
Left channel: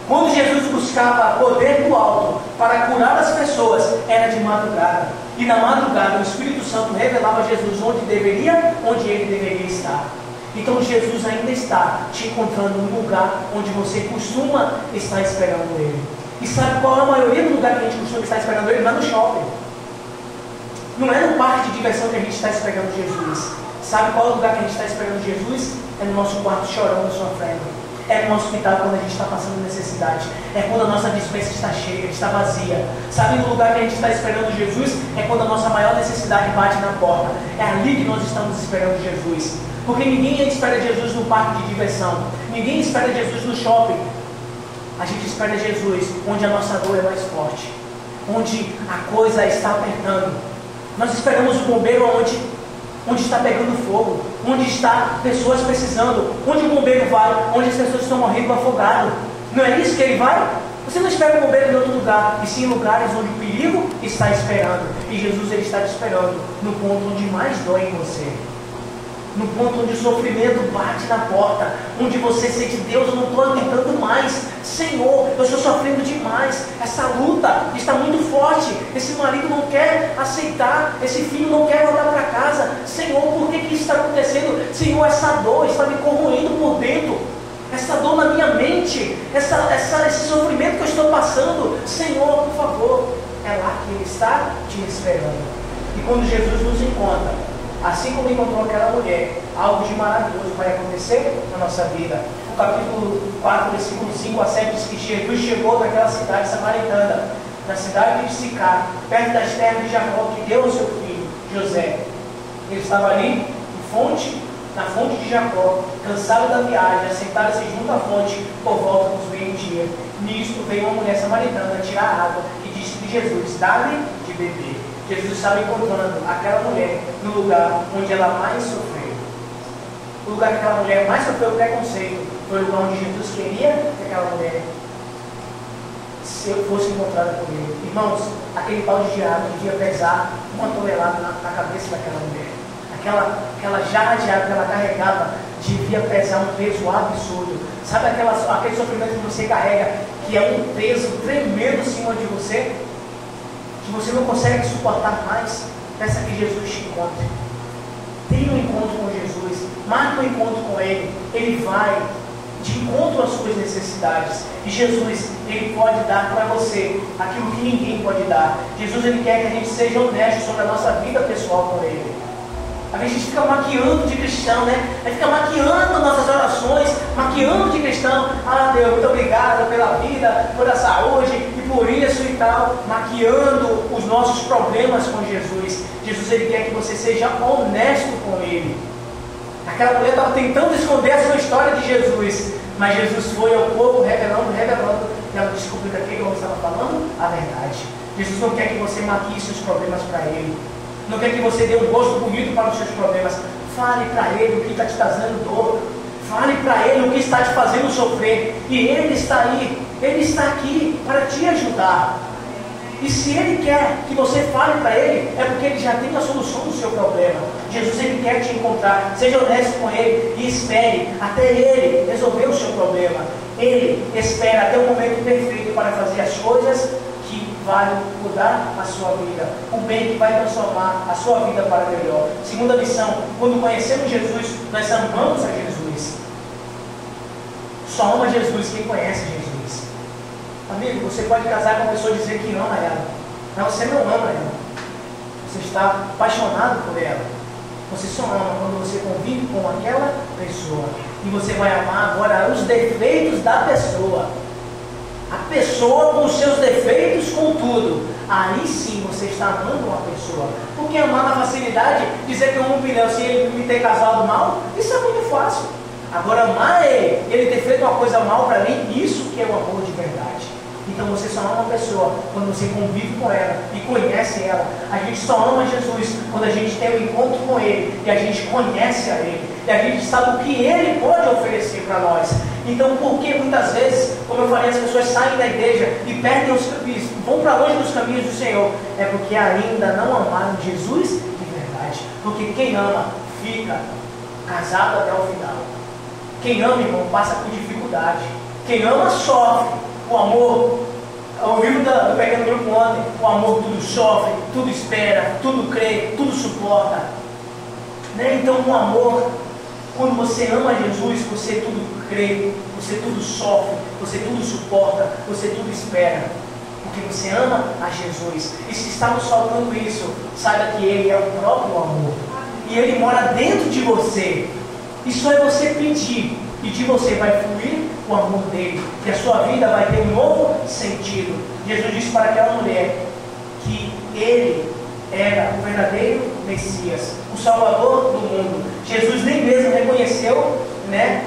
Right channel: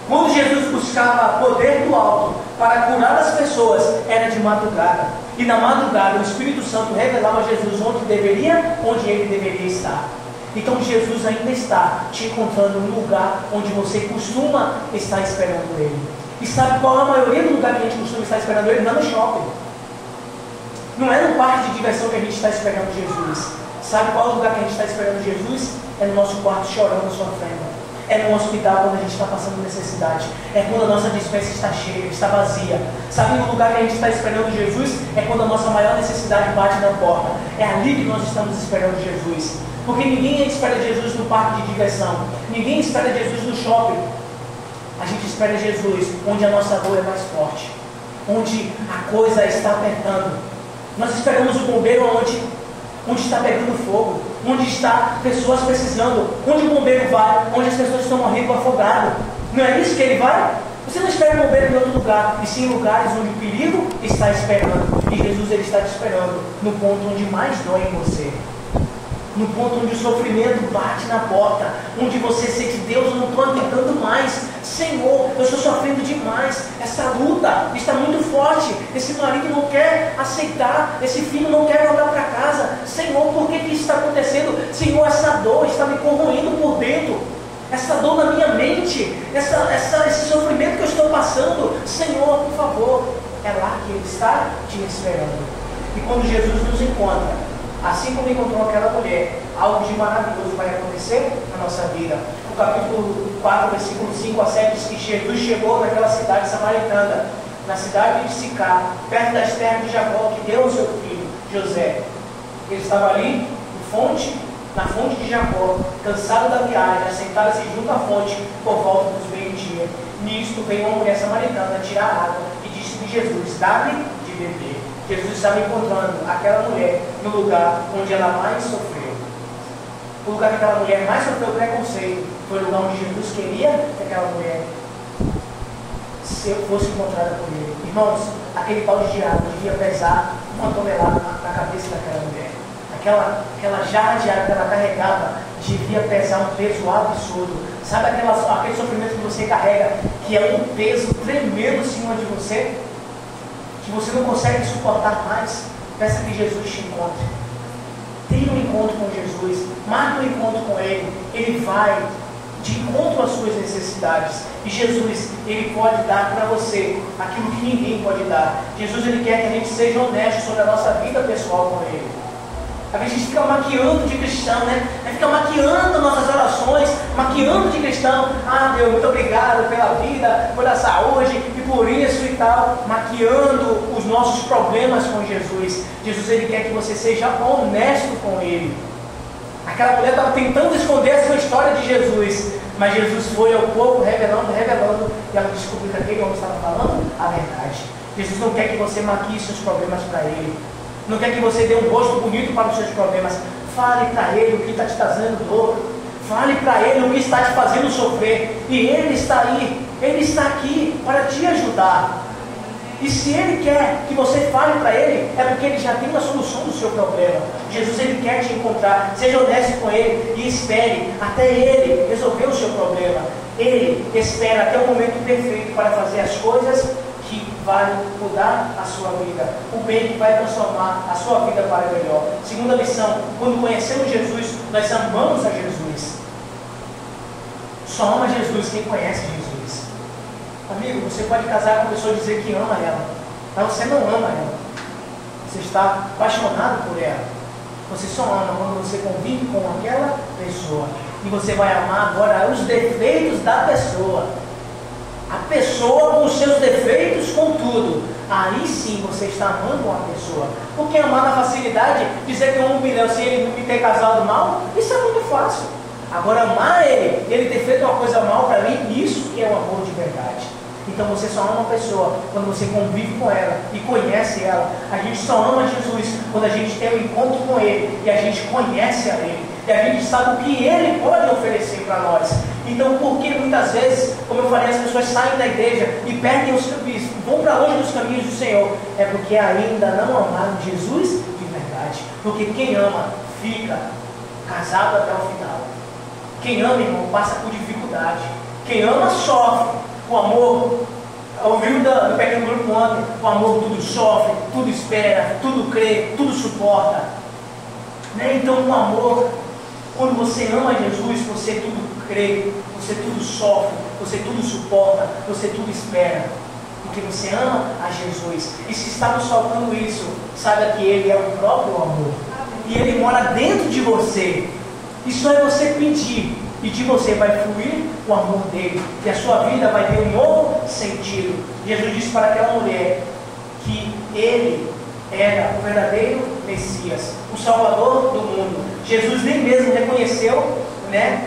Quando Jesus buscava poder do alto para curar as pessoas, era de madrugada. E na madrugada o Espírito Santo revelava a Jesus onde ele deveria estar. Então Jesus ainda está te encontrando no lugar onde você costuma estar esperando Ele. E sabe qual é a maioria do lugar que a gente costuma estar esperando Ele? Não é no shopping. Não é no parque de diversão que a gente está esperando Jesus. Sabe qual é o lugar que a gente está esperando Jesus? É no nosso quarto chorando sofrendo. É no hospital quando a gente está passando necessidade. É quando a nossa despensa está cheia, está vazia. Sabe o lugar que a gente está esperando Jesus? É quando a nossa maior necessidade bate na porta. É ali que nós estamos esperando Jesus. Porque ninguém espera Jesus no parque de diversão. Ninguém espera Jesus no shopping. A gente espera Jesus onde a nossa dor é mais forte. Onde a coisa está apertando. Nós esperamos o bombeiro onde está pegando fogo. Onde está pessoas precisando. Onde o bombeiro vai? Onde as pessoas estão morrendo afogadas. Não é isso que ele vai? Você não espera o bombeiro em outro lugar, e sim em lugares onde o perigo está esperando. E Jesus, ele está te esperando no ponto onde mais dói em você. No ponto onde o sofrimento bate na porta, onde você sente: Deus, eu não estou aguentando mais, Senhor, eu estou sofrendo demais, essa luta está muito forte, esse marido não quer aceitar, esse filho não quer voltar para casa, Senhor, por que isso está acontecendo? Senhor, essa dor está me corroendo por dentro, essa dor na minha mente, esse sofrimento que eu estou passando, Senhor, por favor. É lá que Ele está te esperando. E quando Jesus nos encontra, assim como encontrou aquela mulher, algo de maravilhoso vai acontecer na nossa vida. O capítulo 4, versículo 5 a 7 diz que Jesus chegou naquela cidade samaritana, na cidade de Sicar, perto das terras de Jacó, que deu ao seu filho, José. Ele estava ali, na fonte de Jacó, cansado da viagem, assentado-se junto à fonte por volta dos meio-dia. Nisto veio uma mulher samaritana tirar água e disse de Jesus: dá-me de beber. Jesus estava encontrando aquela mulher no lugar onde ela mais sofreu. o lugar que aquela mulher mais sofreu preconceito foi o lugar onde Jesus queria que aquela mulher fosse encontrada por ele. Irmãos, aquele pau de água devia pesar 1 tonelada na cabeça daquela mulher. Aquela jarra de água que ela carregava devia pesar um peso absurdo. Sabe aquele sofrimento que você carrega, que é um peso tremendo em cima de você, que você não consegue suportar mais? Peça que Jesus te encontre. Tenha um encontro com Jesus, marque um encontro com Ele. Ele vai de encontro às suas necessidades. E Jesus, Ele pode dar para você aquilo que ninguém pode dar. Jesus, Ele quer que a gente seja honesto sobre a nossa vida pessoal com Ele. A gente fica maquiando de cristão, né? A gente fica maquiando nossas orações, maquiando de cristão. Ah, Deus, muito obrigado pela vida, pela saúde e por isso e tal. Maquiando os nossos problemas com Jesus. Jesus, Ele quer que você seja honesto com Ele. Aquela mulher estava tentando esconder a sua história de Jesus, mas Jesus foi ao povo revelando, e ela descobriu daquele que estava falando a verdade. Jesus não quer que você maquie seus problemas para Ele. Não quer que você dê um rosto bonito para os seus problemas. Fale para Ele o que está te trazendo dor. Fale para Ele o que está te fazendo sofrer. E Ele está aí. Ele está aqui para te ajudar. E se Ele quer que você fale para Ele, é porque Ele já tem uma solução do seu problema. Jesus, Ele quer te encontrar. Seja honesto com Ele e espere até Ele resolver o seu problema. Ele espera até o momento perfeito para fazer as coisas que vai mudar a sua vida, o bem que vai transformar a sua vida para melhor. Segunda lição: quando conhecemos Jesus, nós amamos a Jesus. Só ama Jesus quem conhece Jesus. Amigo, você pode casar com a pessoa e dizer que ama ela, mas você não ama ela. Você está apaixonado por ela. Você só ama quando você convive com aquela pessoa. E você vai amar agora os defeitos da pessoa. A pessoa com os seus defeitos, com tudo. Aí sim você está amando uma pessoa. Porque amar na facilidade, dizer que eu amo um milhão se ele me ter casado mal, isso é muito fácil. Agora amar ele ter feito uma coisa mal para mim, isso que é o amor de verdade. Então você só ama uma pessoa quando você convive com ela e conhece ela. A gente só ama Jesus quando a gente tem um encontro com Ele e a gente conhece a Ele. E a gente sabe o que Ele pode oferecer para nós. Então, por que muitas vezes, como eu falei, as pessoas saem da igreja e perdem os caminhos, vão para longe dos caminhos do Senhor? É porque ainda não amaram Jesus de verdade. Porque quem ama fica casado até o final. Quem ama, irmão, passa por dificuldade. Quem ama sofre. O amor, ouviu do pequeno grupo ontem, o amor tudo sofre, tudo espera, tudo crê, tudo suporta. Né? Então o amor, quando você ama Jesus, você tudo crê, você tudo sofre, você tudo suporta, você tudo espera. Porque você ama a Jesus. E se está nos faltando isso, saiba que Ele é o próprio amor. E Ele mora dentro de você. Isso é você pedir. E de você vai fluir o amor dele. E a sua vida vai ter um novo sentido. Jesus disse para aquela mulher que ele era o verdadeiro Messias, o Salvador do mundo. Jesus nem mesmo reconheceu, né,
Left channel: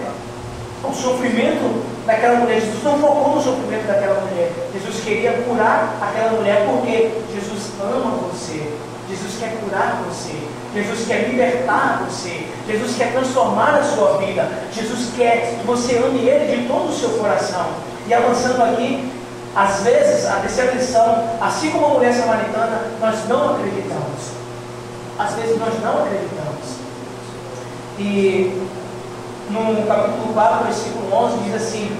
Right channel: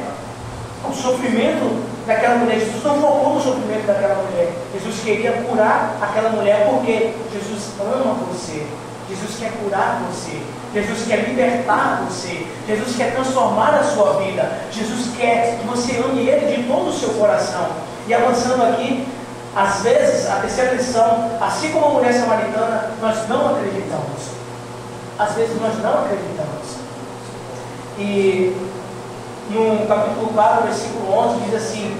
o sofrimento daquela mulher. Jesus não focou no sofrimento daquela mulher. Jesus queria curar aquela mulher porque Jesus ama você. Jesus quer curar você. Jesus quer libertar você. Jesus quer transformar a sua vida. Jesus quer que você ame Ele de todo o seu coração. E avançando aqui, às vezes, a terceira lição, assim como a mulher samaritana, nós não acreditamos. Às vezes nós não acreditamos. E no capítulo 4, versículo 11, diz assim:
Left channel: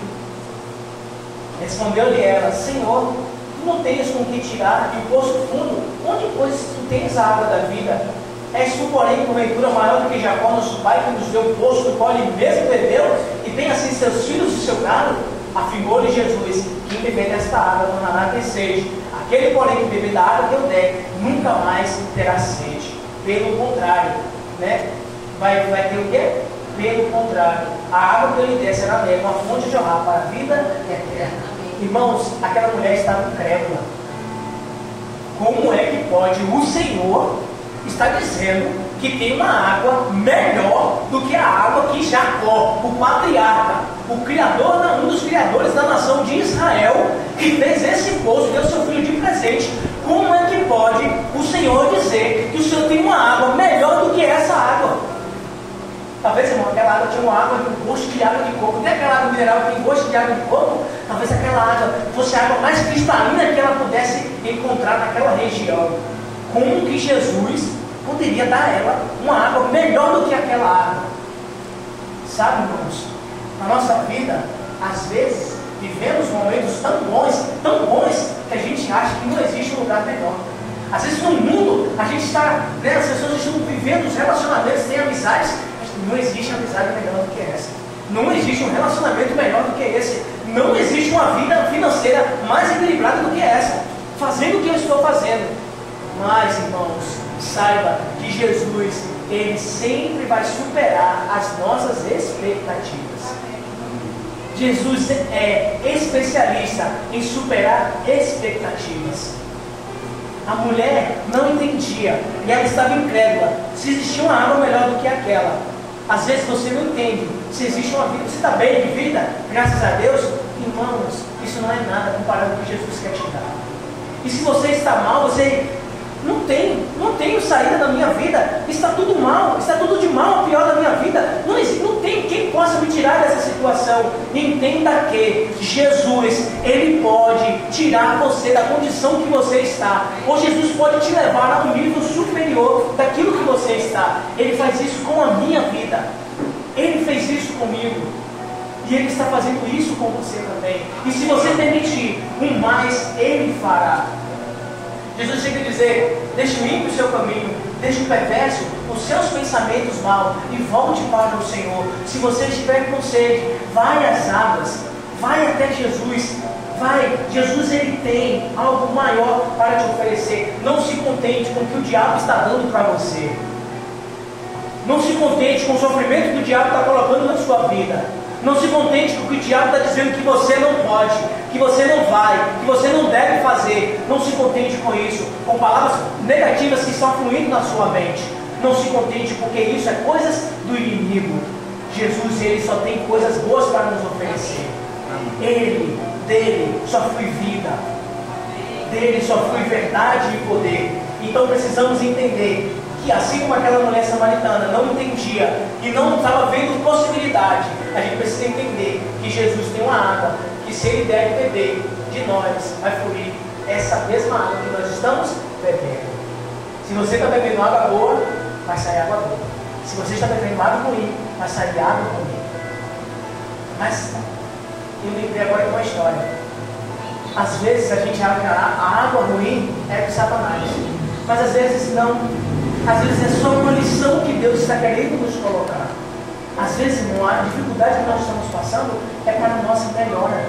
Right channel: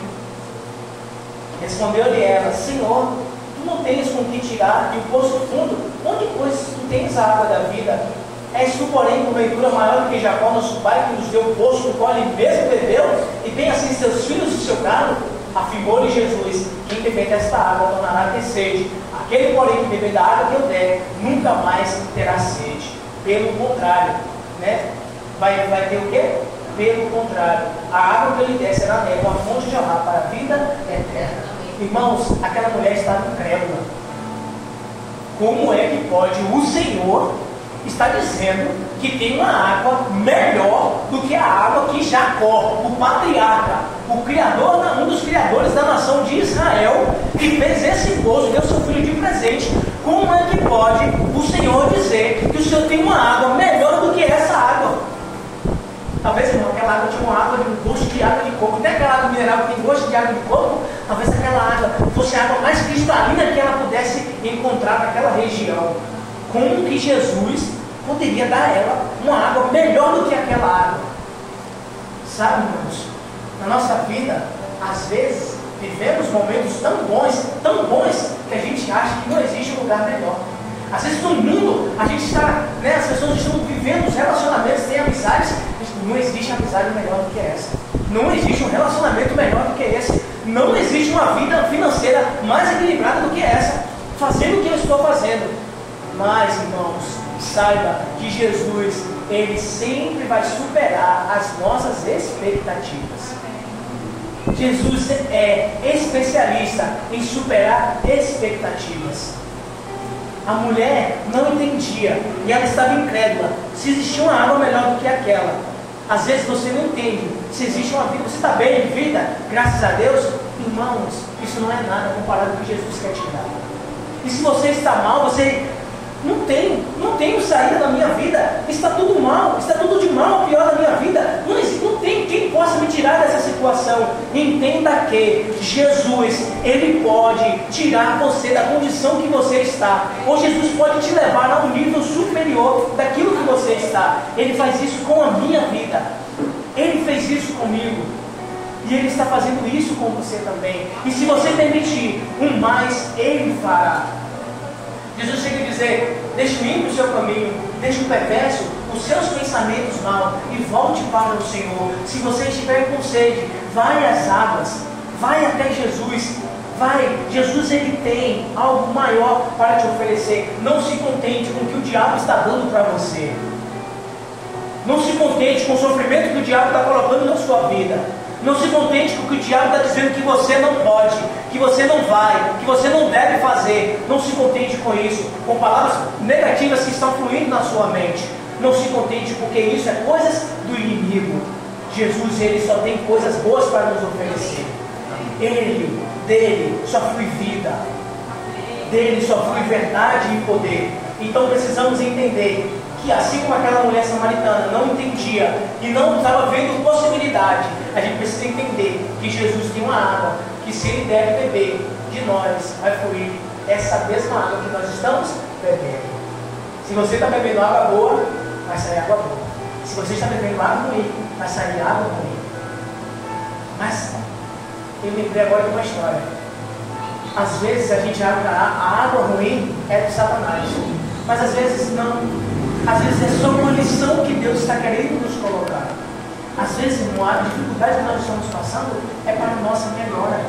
respondeu-lhe ela: Senhor, tu não tens com que tirar e o poço fundo, onde pois tu tens a água da vida? És tu, porém, porventura maior do que Jacó, nosso pai, que nos deu o poço do qual ele mesmo bebeu, e tem assim seus filhos e seu gado? Afirmou-lhe Jesus: quem beber desta água tornará a ter sede. Aquele, porém, que beber da água que eu der, nunca mais terá sede. Pelo contrário, né? Vai ter o quê? Pelo contrário, a água que eu lhe der será nele uma fonte de jorrar para a vida eterna. Irmãos, aquela mulher estava incrédula. Como é que pode o Senhor está dizendo que tem uma água melhor do que a água que Jacó, o patriarca, o criador, um dos criadores da nação de Israel, que fez esse poço, deu seu filho de presente? Como é que pode o Senhor dizer que o Senhor tem uma água melhor do que essa água? Talvez, irmão, aquela água tinha uma água de gosto de água de coco. Até aquela água mineral que tem gosto de água de coco, talvez aquela água fosse a água mais cristalina que ela pudesse encontrar naquela região. Como que Jesus poderia dar a ela uma água melhor do que aquela água? Sabe, irmãos, na nossa vida, às vezes, vivemos momentos tão bons, que a gente acha que não existe um lugar melhor. Às vezes no mundo, a gente está, as pessoas estão vivendo os relacionamentos, têm amizades, mas não existe amizade melhor do que essa. Não existe um relacionamento melhor do que esse. Não existe uma vida financeira mais equilibrada do que essa. Fazendo o que eu estou fazendo. Mas, irmãos, saiba que Jesus, Ele sempre vai superar as nossas expectativas. Jesus é especialista em superar expectativas. A mulher não entendia e ela estava incrédula se existia uma água melhor do que aquela. Às vezes você não entende se existe uma vida. Você está bem de vida, graças a Deus. Irmãos, isso não é nada comparado com o que Jesus quer te dar. E se você está mal, você não tenho saída da minha vida, está tudo mal, está tudo de mal a pior da minha vida, não tem quem possa me tirar dessa situação. Entenda que Jesus, Ele pode tirar você da condição que você está, ou Jesus pode te levar a um nível superior daquilo que você está. Ele faz isso com a minha vida, Ele fez isso comigo, e Ele está fazendo isso com você também. E se você permitir, um mais Ele fará. Jesus chega a dizer: deixe o ímpio o seu caminho, deixe o perverso os seus pensamentos mal e volte para o Senhor. Se você estiver com sede, vai às águas, vai até Jesus, vai. Jesus, Ele tem algo maior para te oferecer. Não se contente com o que o diabo está dando para você. Não se contente com o sofrimento que o diabo está colocando na sua vida. Não se contente com o que o diabo está dizendo que você não pode, que você não vai, que você não deve fazer. Não se contente com isso, com palavras negativas que estão fluindo na sua mente. Não se contente, porque isso é coisas do inimigo. Jesus, Ele só tem coisas boas para nos oferecer. Dele só flui vida, dele só flui verdade e poder. Então precisamos entender que, assim como aquela mulher samaritana não entendia e não estava vendo possibilidade, a gente precisa entender que Jesus tem uma água que, se Ele deve beber de nós, vai fluir essa mesma água que nós estamos bebendo. Se você está bebendo água boa, vai sair água boa. Se você está bebendo água ruim, vai sair água ruim. Mas eu lembrei agora de uma história. Às vezes a gente acha que a água ruim é do Satanás, mas às vezes não. Às vezes é só uma lição que Deus está querendo nos colocar. Às vezes, irmão, a dificuldade que nós estamos passando é para a nossa melhora.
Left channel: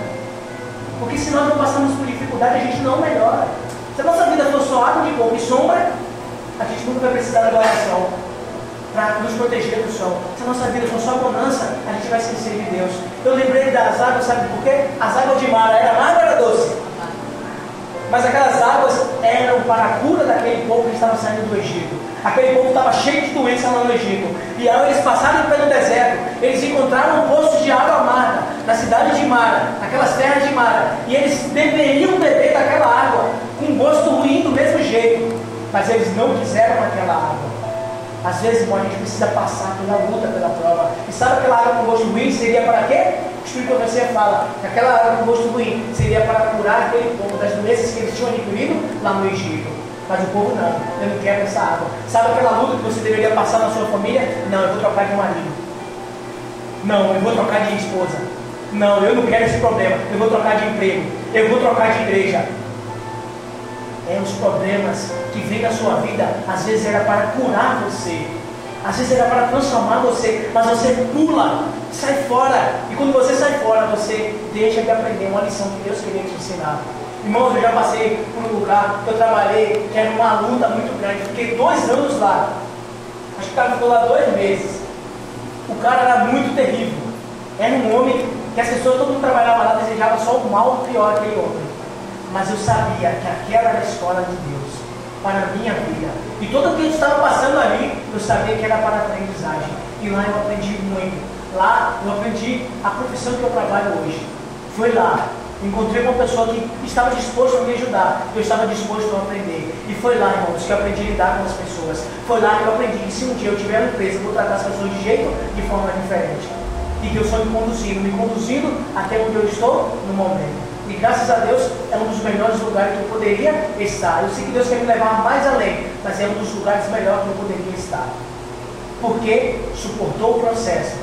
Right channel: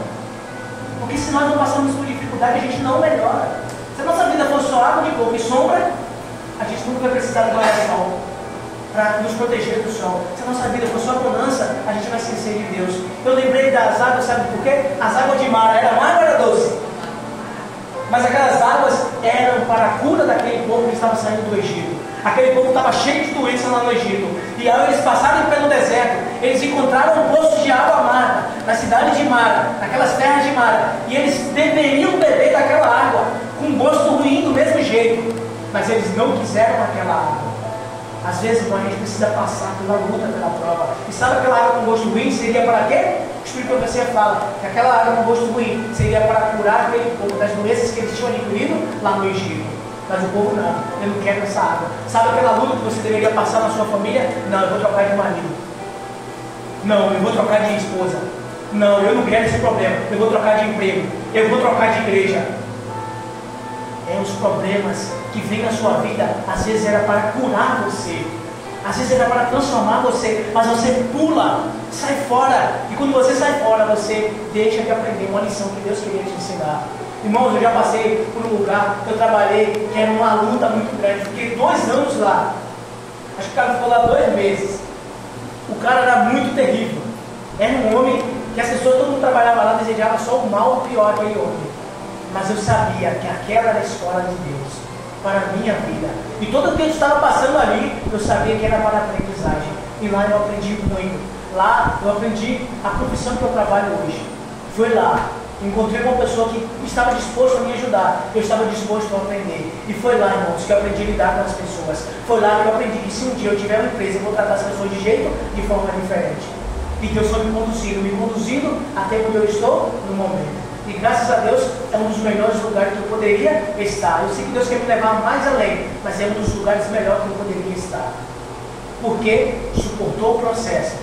Porque se nós não passamos por dificuldade, a gente não melhora. Se a nossa vida for só água de coco e sombra, a gente nunca vai precisar da oração para nos proteger do sol. Se a nossa vida for só bonança, a gente vai esquecer de Deus. Eu lembrei das águas, sabe por quê? As águas de mar, era amarga ou era doce? Mas aquelas águas eram para a cura daquele povo que estava saindo do Egito. Aquele povo estava cheio de doenças lá no Egito. E ao eles passarem pelo deserto, eles encontraram um poço de água amarga na cidade de Mara, naquelas terras de Mara. E eles deveriam beber daquela água com gosto ruim do mesmo jeito. Mas eles não quiseram aquela água. Às vezes, a gente precisa passar pela luta, pela prova. E sabe aquela água com gosto ruim seria para quê? O Espírito de Profecia fala que aquela água com gosto ruim seria para curar aquele povo das doenças que eles tinham adquirido lá no Egito. Mas o povo não, eu não quero essa água. Sabe aquela luta que você deveria passar na sua família? Não, eu vou trocar de marido. Não, eu vou trocar de esposa. Não, eu não quero esse problema. Eu vou trocar de emprego. Eu vou trocar de igreja. É os problemas que vêm na sua vida. Às vezes era para curar você. Às vezes era para transformar você. Mas você pula, sai fora. E quando você sai fora, você deixa de aprender uma lição que Deus queria te ensinar. Irmãos, eu já passei por um lugar que eu trabalhei, que era uma luta muito grande. Fiquei 2 anos lá. Acho que o cara ficou lá 2 meses. O cara era muito terrível. Era um homem que as pessoas, todo mundo trabalhava lá, desejava só o mal ou o pior aquele homem. Mas eu sabia que aquela era a escola de Deus para a minha vida. E todo o que eu estava passando ali, eu sabia que era para aprendizagem. E lá eu aprendi muito. Lá eu aprendi a profissão que eu trabalho hoje. Foi lá Encontrei uma pessoa que estava disposto a me ajudar. Eu estava disposto a aprender. E foi lá, irmãos, que eu aprendi a lidar com as pessoas. Foi lá que eu aprendi que se um dia eu tiver uma empresa, eu vou tratar as pessoas de forma diferente. E Deus foi me conduzindo até onde eu estou no momento. E graças a Deus é um dos melhores lugares que eu poderia estar. Eu sei que Deus quer me levar mais além, mas é um dos lugares melhores que eu poderia estar. Porque suportou o processo,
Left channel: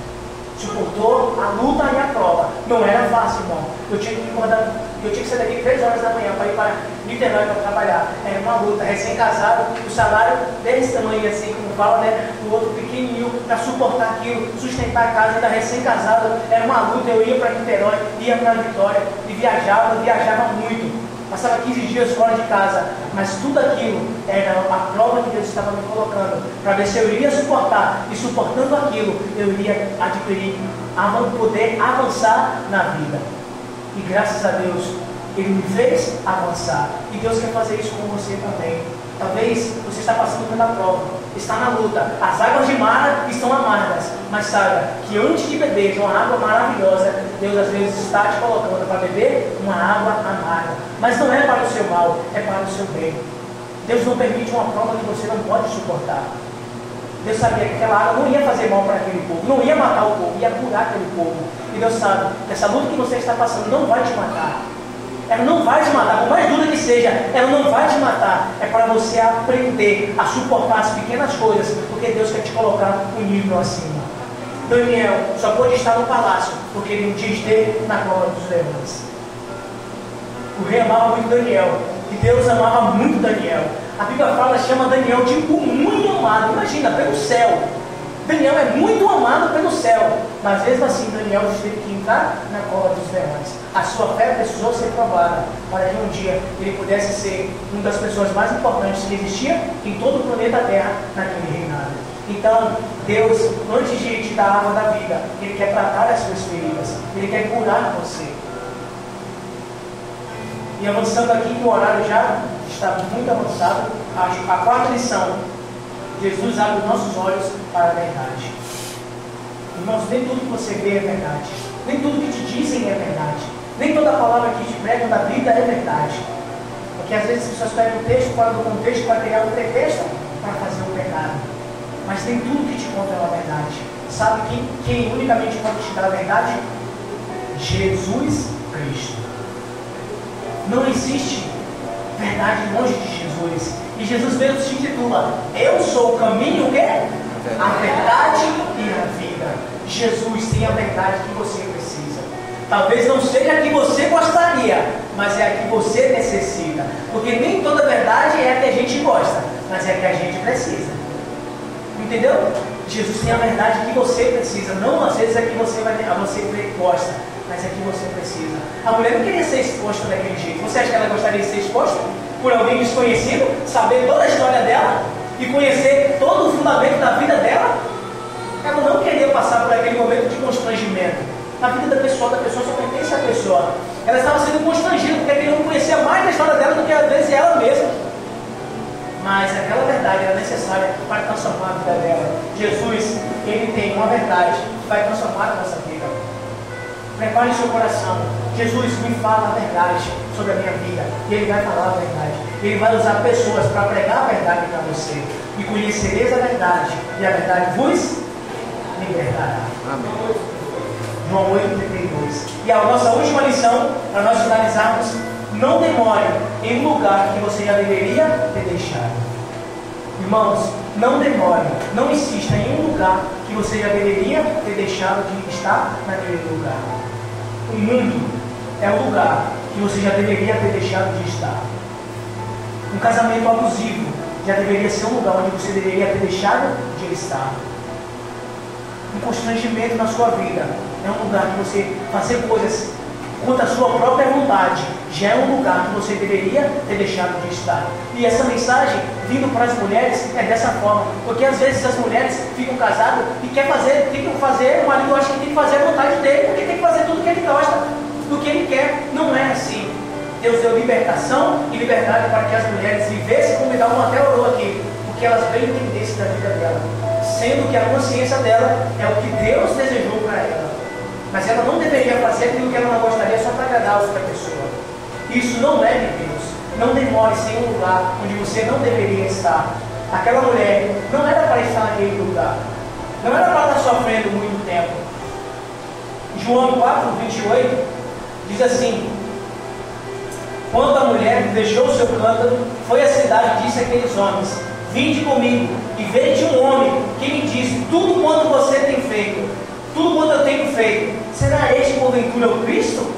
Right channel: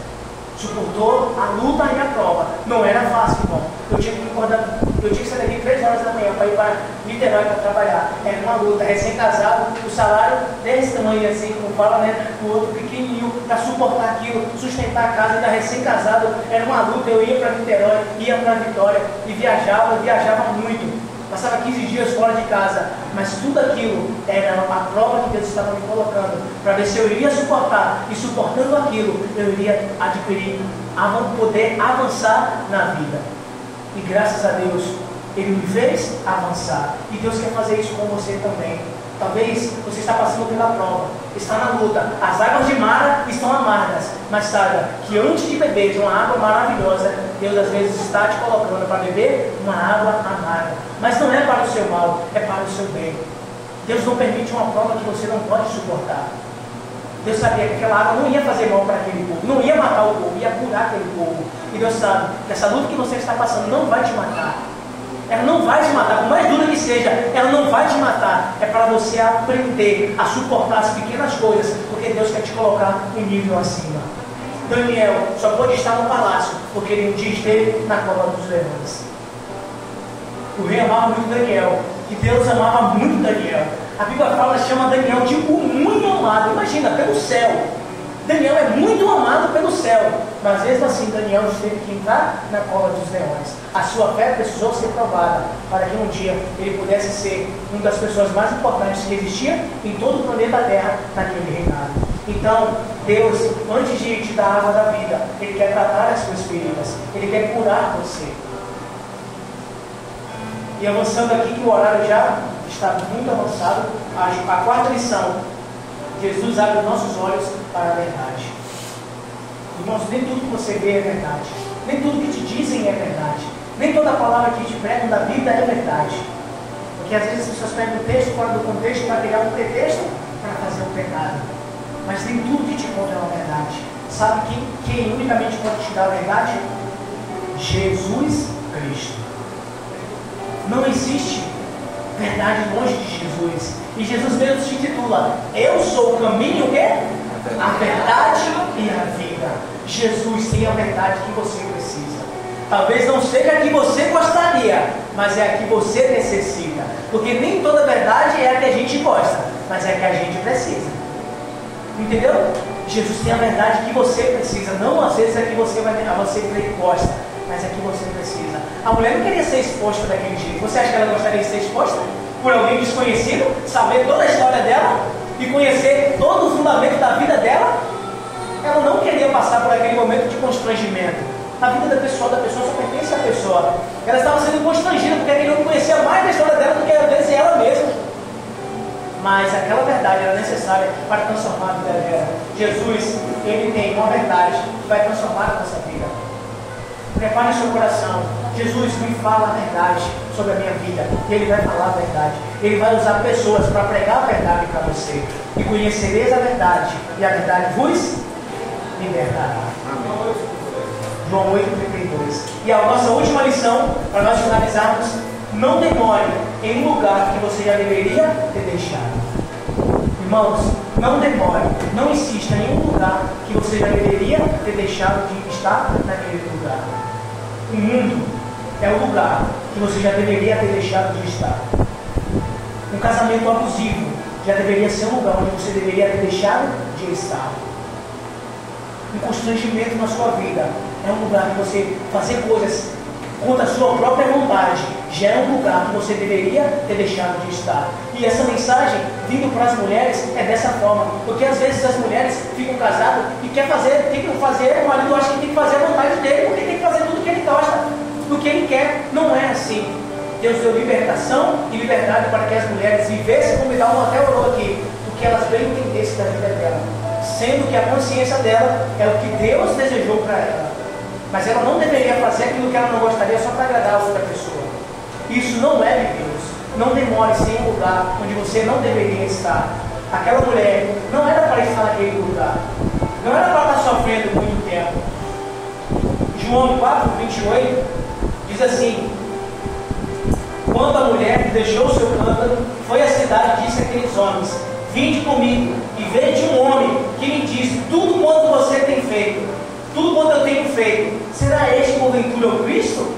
suportou a luta e a prova. Não era fácil, irmão. Eu tinha que sair daqui 3 horas da manhã para ir para Niterói para trabalhar. Era uma luta, recém-casado, o salário desse tamanho assim, como fala, né? O outro pequenininho, para suportar aquilo, sustentar a casa, ainda recém-casado. Era uma luta. Eu ia para Niterói, ia para Vitória e viajava muito. Passava 15 dias fora de casa, mas tudo aquilo era a prova que Deus estava me colocando, para ver se eu iria suportar, e suportando aquilo, eu iria adquirir, poder avançar na vida. E graças a Deus, Ele me fez avançar, e Deus quer fazer isso com você também. Talvez você está passando pela prova, está na luta, as águas de Mara estão amargas, mas saiba que antes de beber uma água maravilhosa, Deus às vezes está te colocando para beber uma água amarga, mas não é para o seu mal, é para o seu bem. Deus não permite uma prova que você não pode suportar. Deus sabia que aquela água não ia fazer mal para aquele povo, não ia matar o povo, ia curar aquele povo. E Deus sabe que essa luta que você está passando não vai te matar. Ela não vai te matar, por mais dura que seja, ela não vai te matar. É para você aprender a suportar as pequenas coisas, porque Deus quer te colocar um nível acima. Daniel só pôde estar no palácio, porque ele um dia esteve na cova dos leões. O rei amava muito Daniel, e Deus amava muito Daniel. A Bíblia chama Daniel de o muito amado. Imagina, pelo céu. Daniel é muito amado pelo céu, mas mesmo assim Daniel teve que entrar na cova dos leões. A sua fé precisou ser provada para que um dia ele pudesse ser uma das pessoas mais importantes que existia em todo o planeta Terra naquele reinado. Então, Deus, antes de te dar a água da vida, Ele quer tratar as suas feridas, Ele quer curar você. E avançando aqui, que o horário já está muito avançado, a 4ª lição: Jesus abre os nossos olhos para a verdade. Irmãos, nem tudo que você vê é verdade, nem tudo que te dizem é verdade, nem toda palavra que te pregam da Bíblia é verdade. Porque às vezes as pessoas pegam o texto fora do contexto para criar um pretexto para fazer o pecado. Mas nem tudo que te conta é uma verdade. Sabe quem unicamente pode te dar a verdade? Jesus Cristo. Não existe verdade longe de Jesus. E Jesus mesmo se intitula: Eu sou o caminho, o quê? A verdade e a vida. Jesus tem a verdade que você precisa. Talvez não seja a que você gostaria, mas é a que você necessita. Porque nem toda verdade é a que a gente gosta, mas é a que a gente precisa. Entendeu? Jesus tem a verdade que você precisa. Não às vezes é a que você gosta, mas é a que você precisa. A mulher não queria ser exposta daquele jeito. Você acha que ela gostaria de ser exposta por alguém desconhecido, saber toda a história dela e conhecer todo o fundamento da vida dela? Ela não queria passar por aquele momento de constrangimento. A vida da pessoa só pertence à pessoa. Ela estava sendo constrangida porque ele não conhecia mais a história dela do que às vezes ela mesma. Mas aquela verdade era necessária para transformar a vida dela. Jesus, Ele tem uma verdade que vai transformar a nossa vida. Prepare seu coração. Jesus, me fala a verdade sobre a minha vida. E Ele vai falar a verdade. Ele vai usar pessoas para pregar a verdade para você. E conhecereis a verdade, e a verdade vos libertará. Amém. João 8,32. E a nossa última lição, para nós finalizarmos: não demore em um lugar que você já deveria ter deixado. Irmãos, não demore, não insista em um lugar que você já deveria ter deixado de estar naquele lugar. O mundo é o lugar que você já deveria ter deixado de estar. Um casamento abusivo já deveria ser um lugar onde você deveria ter deixado de estar. Um constrangimento na sua vida é um lugar que você fazer coisas contra a sua própria vontade já é um lugar que você deveria ter deixado de estar. E essa mensagem vindo para as mulheres é dessa forma, porque às vezes as mulheres ficam casadas e o marido acha que tem que fazer a vontade dele, porque tem que fazer tudo o que ele gosta, do que ele quer. Não é assim. Deus deu libertação e liberdade para que as mulheres vivessem, como Dalma até orou aqui, o que elas bem entendessem da vida dela, sendo que a consciência dela é o que Deus desejou para ela. mas ela não deveria fazer aquilo que ela não gostaria só para agradar a outra pessoa. Isso não é de Deus. Não demore-se em um lugar onde você não deveria estar. Aquela mulher não era para estar naquele lugar. Não era para estar sofrendo muito tempo. João 4, 28 diz assim: quando a mulher deixou o seu cântaro, foi à cidade e disse àqueles homens: vinde comigo e veja um homem que me disse tudo quanto você tem feito, tudo quanto eu tenho feito. Será este porventura o Cristo?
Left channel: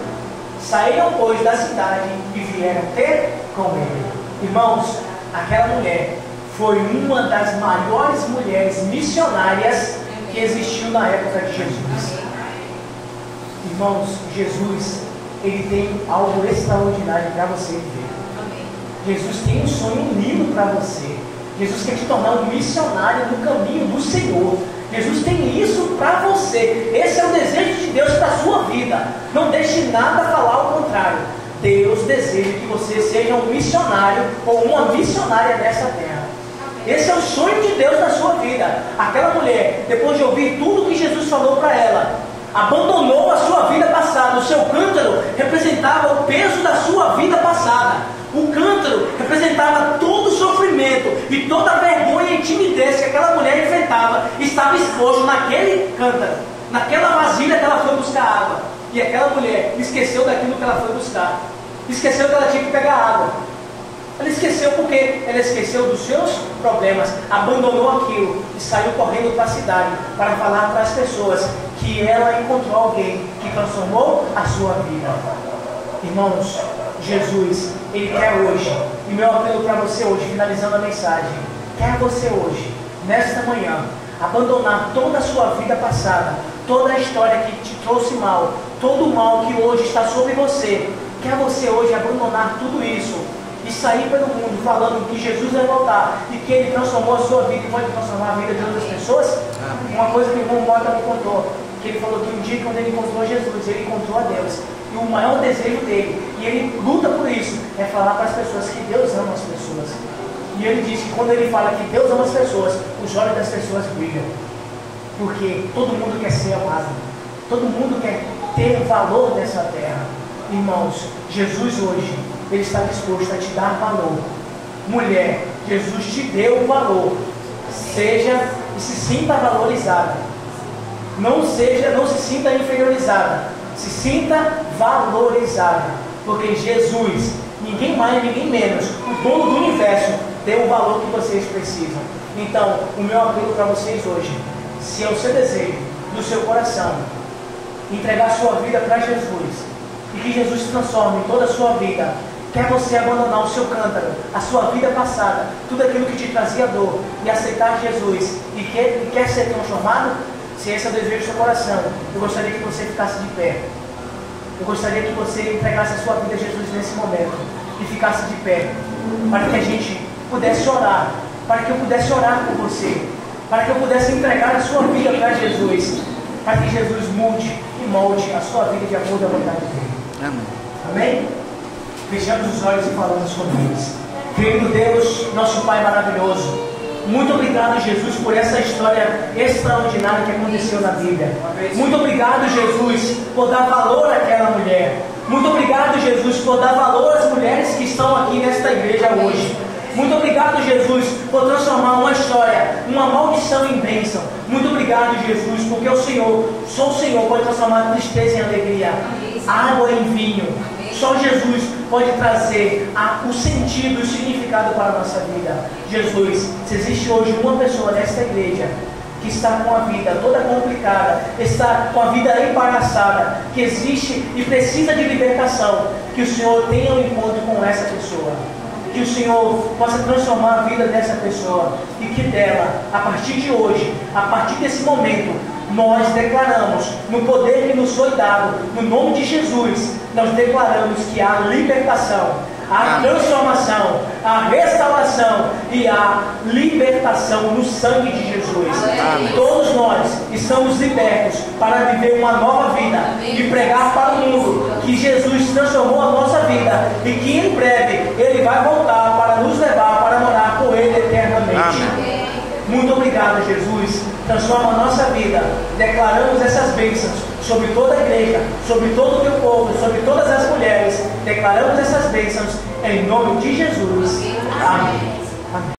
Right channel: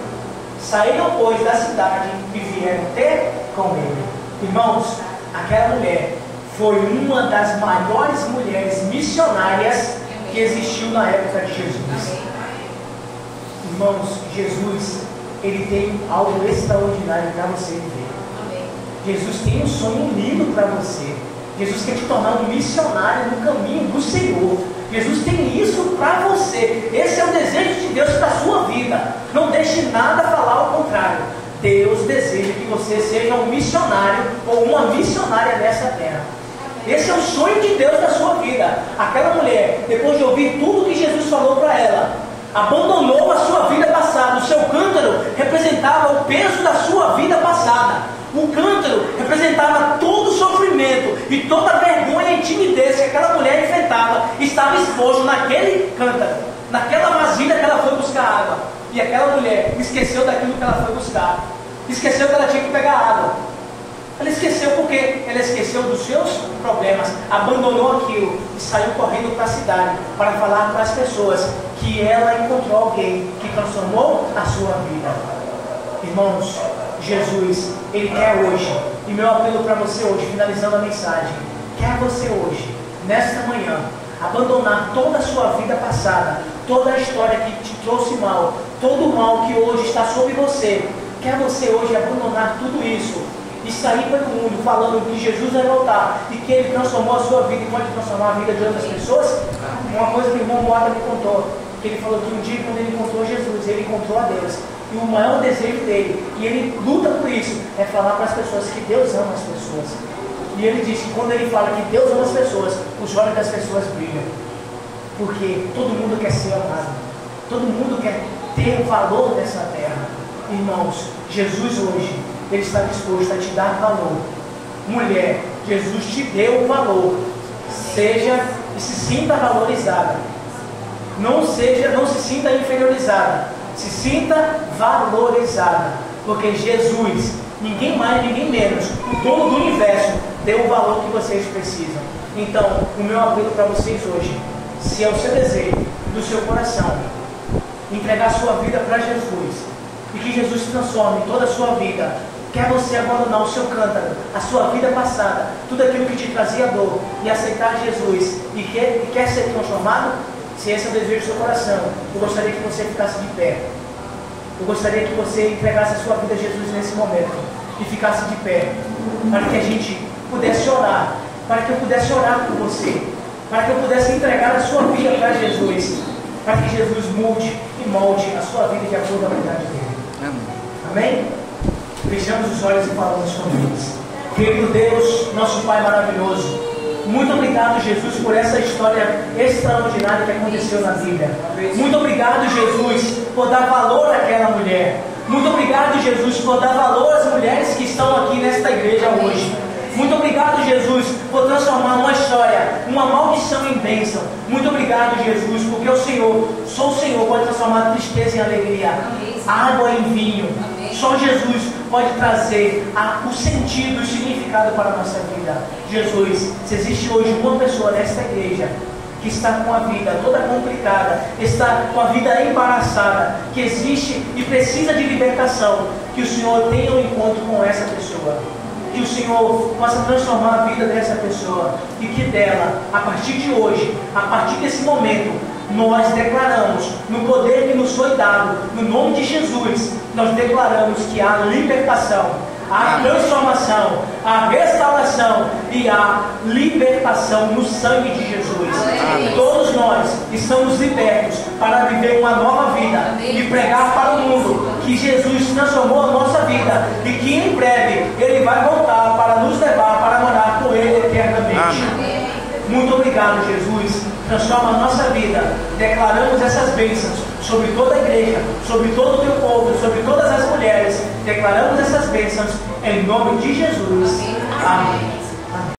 Saíram, pois, da cidade e vieram ter com ele. Irmãos, aquela mulher foi uma das maiores mulheres missionárias que existiu na época de Jesus. Irmãos, Jesus, Ele tem algo extraordinário para você viver. Jesus tem um sonho lindo para você. Jesus quer te tornar um missionário no caminho do Senhor. Jesus tem isso para você. Esse é o desejo de Deus para a sua vida. Não deixe nada falar ao contrário. Deus deseja que você seja um missionário ou uma missionária nessa terra. Esse é o sonho de Deus na sua vida. Aquela mulher, depois de ouvir tudo que Jesus falou para ela, abandonou a sua vida passada. O seu cântaro representava o peso da sua vida passada. O cântaro representava todo o sofrimento e toda a vergonha e timidez que aquela mulher enfrentava. Estava exposto naquele cântaro, naquela vasilha que ela foi buscar água. E aquela mulher esqueceu daquilo que ela foi buscar. Esqueceu que ela tinha que pegar água. Ela esqueceu porque ela esqueceu dos seus problemas, abandonou aquilo e saiu correndo para a cidade para falar para as pessoas que ela encontrou alguém que transformou a sua vida. Irmãos, Jesus, Ele quer hoje, e meu apelo para você hoje, finalizando a mensagem, quer você hoje, nesta manhã, abandonar toda a sua vida passada, toda a história que te trouxe mal, todo o mal que hoje está sobre você. Quer você hoje abandonar tudo isso e sair pelo mundo falando que Jesus vai voltar e que Ele transformou a sua vida e pode transformar a vida de outras pessoas? Uma coisa que o irmão Mota me contou, que ele falou que um dia quando ele encontrou Jesus, ele encontrou a Deus. E o maior desejo dele, e ele luta por isso, é falar para as pessoas que Deus ama as pessoas. E ele disse que quando ele fala que Deus ama as pessoas, os olhos das pessoas brilham. Porque todo mundo quer ser amado. Todo mundo quer ter o valor dessa terra. Irmãos, Jesus hoje, Ele está disposto a te dar valor. Mulher, Jesus te deu o valor. Seja e se sinta valorizada. Não se sinta inferiorizada. Se sinta valorizada. Porque Jesus, ninguém mais, ninguém menos, o dono do universo, deu o valor que vocês precisam. Então, o meu apelo para vocês hoje, se é o seu desejo, do seu coração, entregar sua vida para Jesus, e que Jesus transforme toda a sua vida. Quer você abandonar o seu cântaro, a sua vida passada, tudo aquilo que te trazia dor, e aceitar Jesus, e quer ser transformado? Se esse é o desejo do seu coração, eu gostaria que você ficasse de pé. Eu gostaria que você entregasse a sua vida a Jesus nesse momento, e ficasse de pé, para que a gente pudesse orar, para que eu pudesse orar por você, para que eu pudesse entregar a sua vida para Jesus, para que Jesus mude e molde a sua vida de acordo com a vontade dele. Amém? Fechamos os olhos e falamos com Deus. Querido Deus, nosso Pai maravilhoso, muito obrigado, Jesus, por essa história extraordinária que aconteceu na Bíblia. Muito obrigado, Jesus, por dar valor àquela mulher. Muito obrigado, Jesus, por dar valor às mulheres que estão aqui nesta igreja hoje. Muito obrigado, Jesus, por transformar uma história, uma maldição em bênção. Muito obrigado, Jesus, porque o Senhor, só o Senhor pode transformar tristeza em alegria, água em vinho. Só Jesus pode trazer o sentido e o significado para a nossa vida. Jesus, se existe hoje uma pessoa nesta igreja que está com a vida toda complicada, está com a vida embaraçada, que existe e precisa de libertação, que o Senhor tenha um encontro com essa pessoa. Que o Senhor possa transformar a vida dessa pessoa e que dela, a partir de hoje, a partir desse momento, nós declaramos, no poder que nos foi dado, no nome de Jesus, nós declaramos que há libertação, há transformação, há restauração e há libertação no sangue de Jesus. Amém. Todos nós estamos libertos para viver uma nova vida e pregar para o mundo que Jesus transformou a nossa vida e que em breve Ele vai voltar para nos levar para morar com Ele eternamente. Amém. Muito obrigado, Jesus. transforma a nossa vida. Declaramos essas bênçãos sobre toda a igreja, sobre todo o teu povo, sobre todas as mulheres. Declaramos essas bênçãos em nome de Jesus. Amém.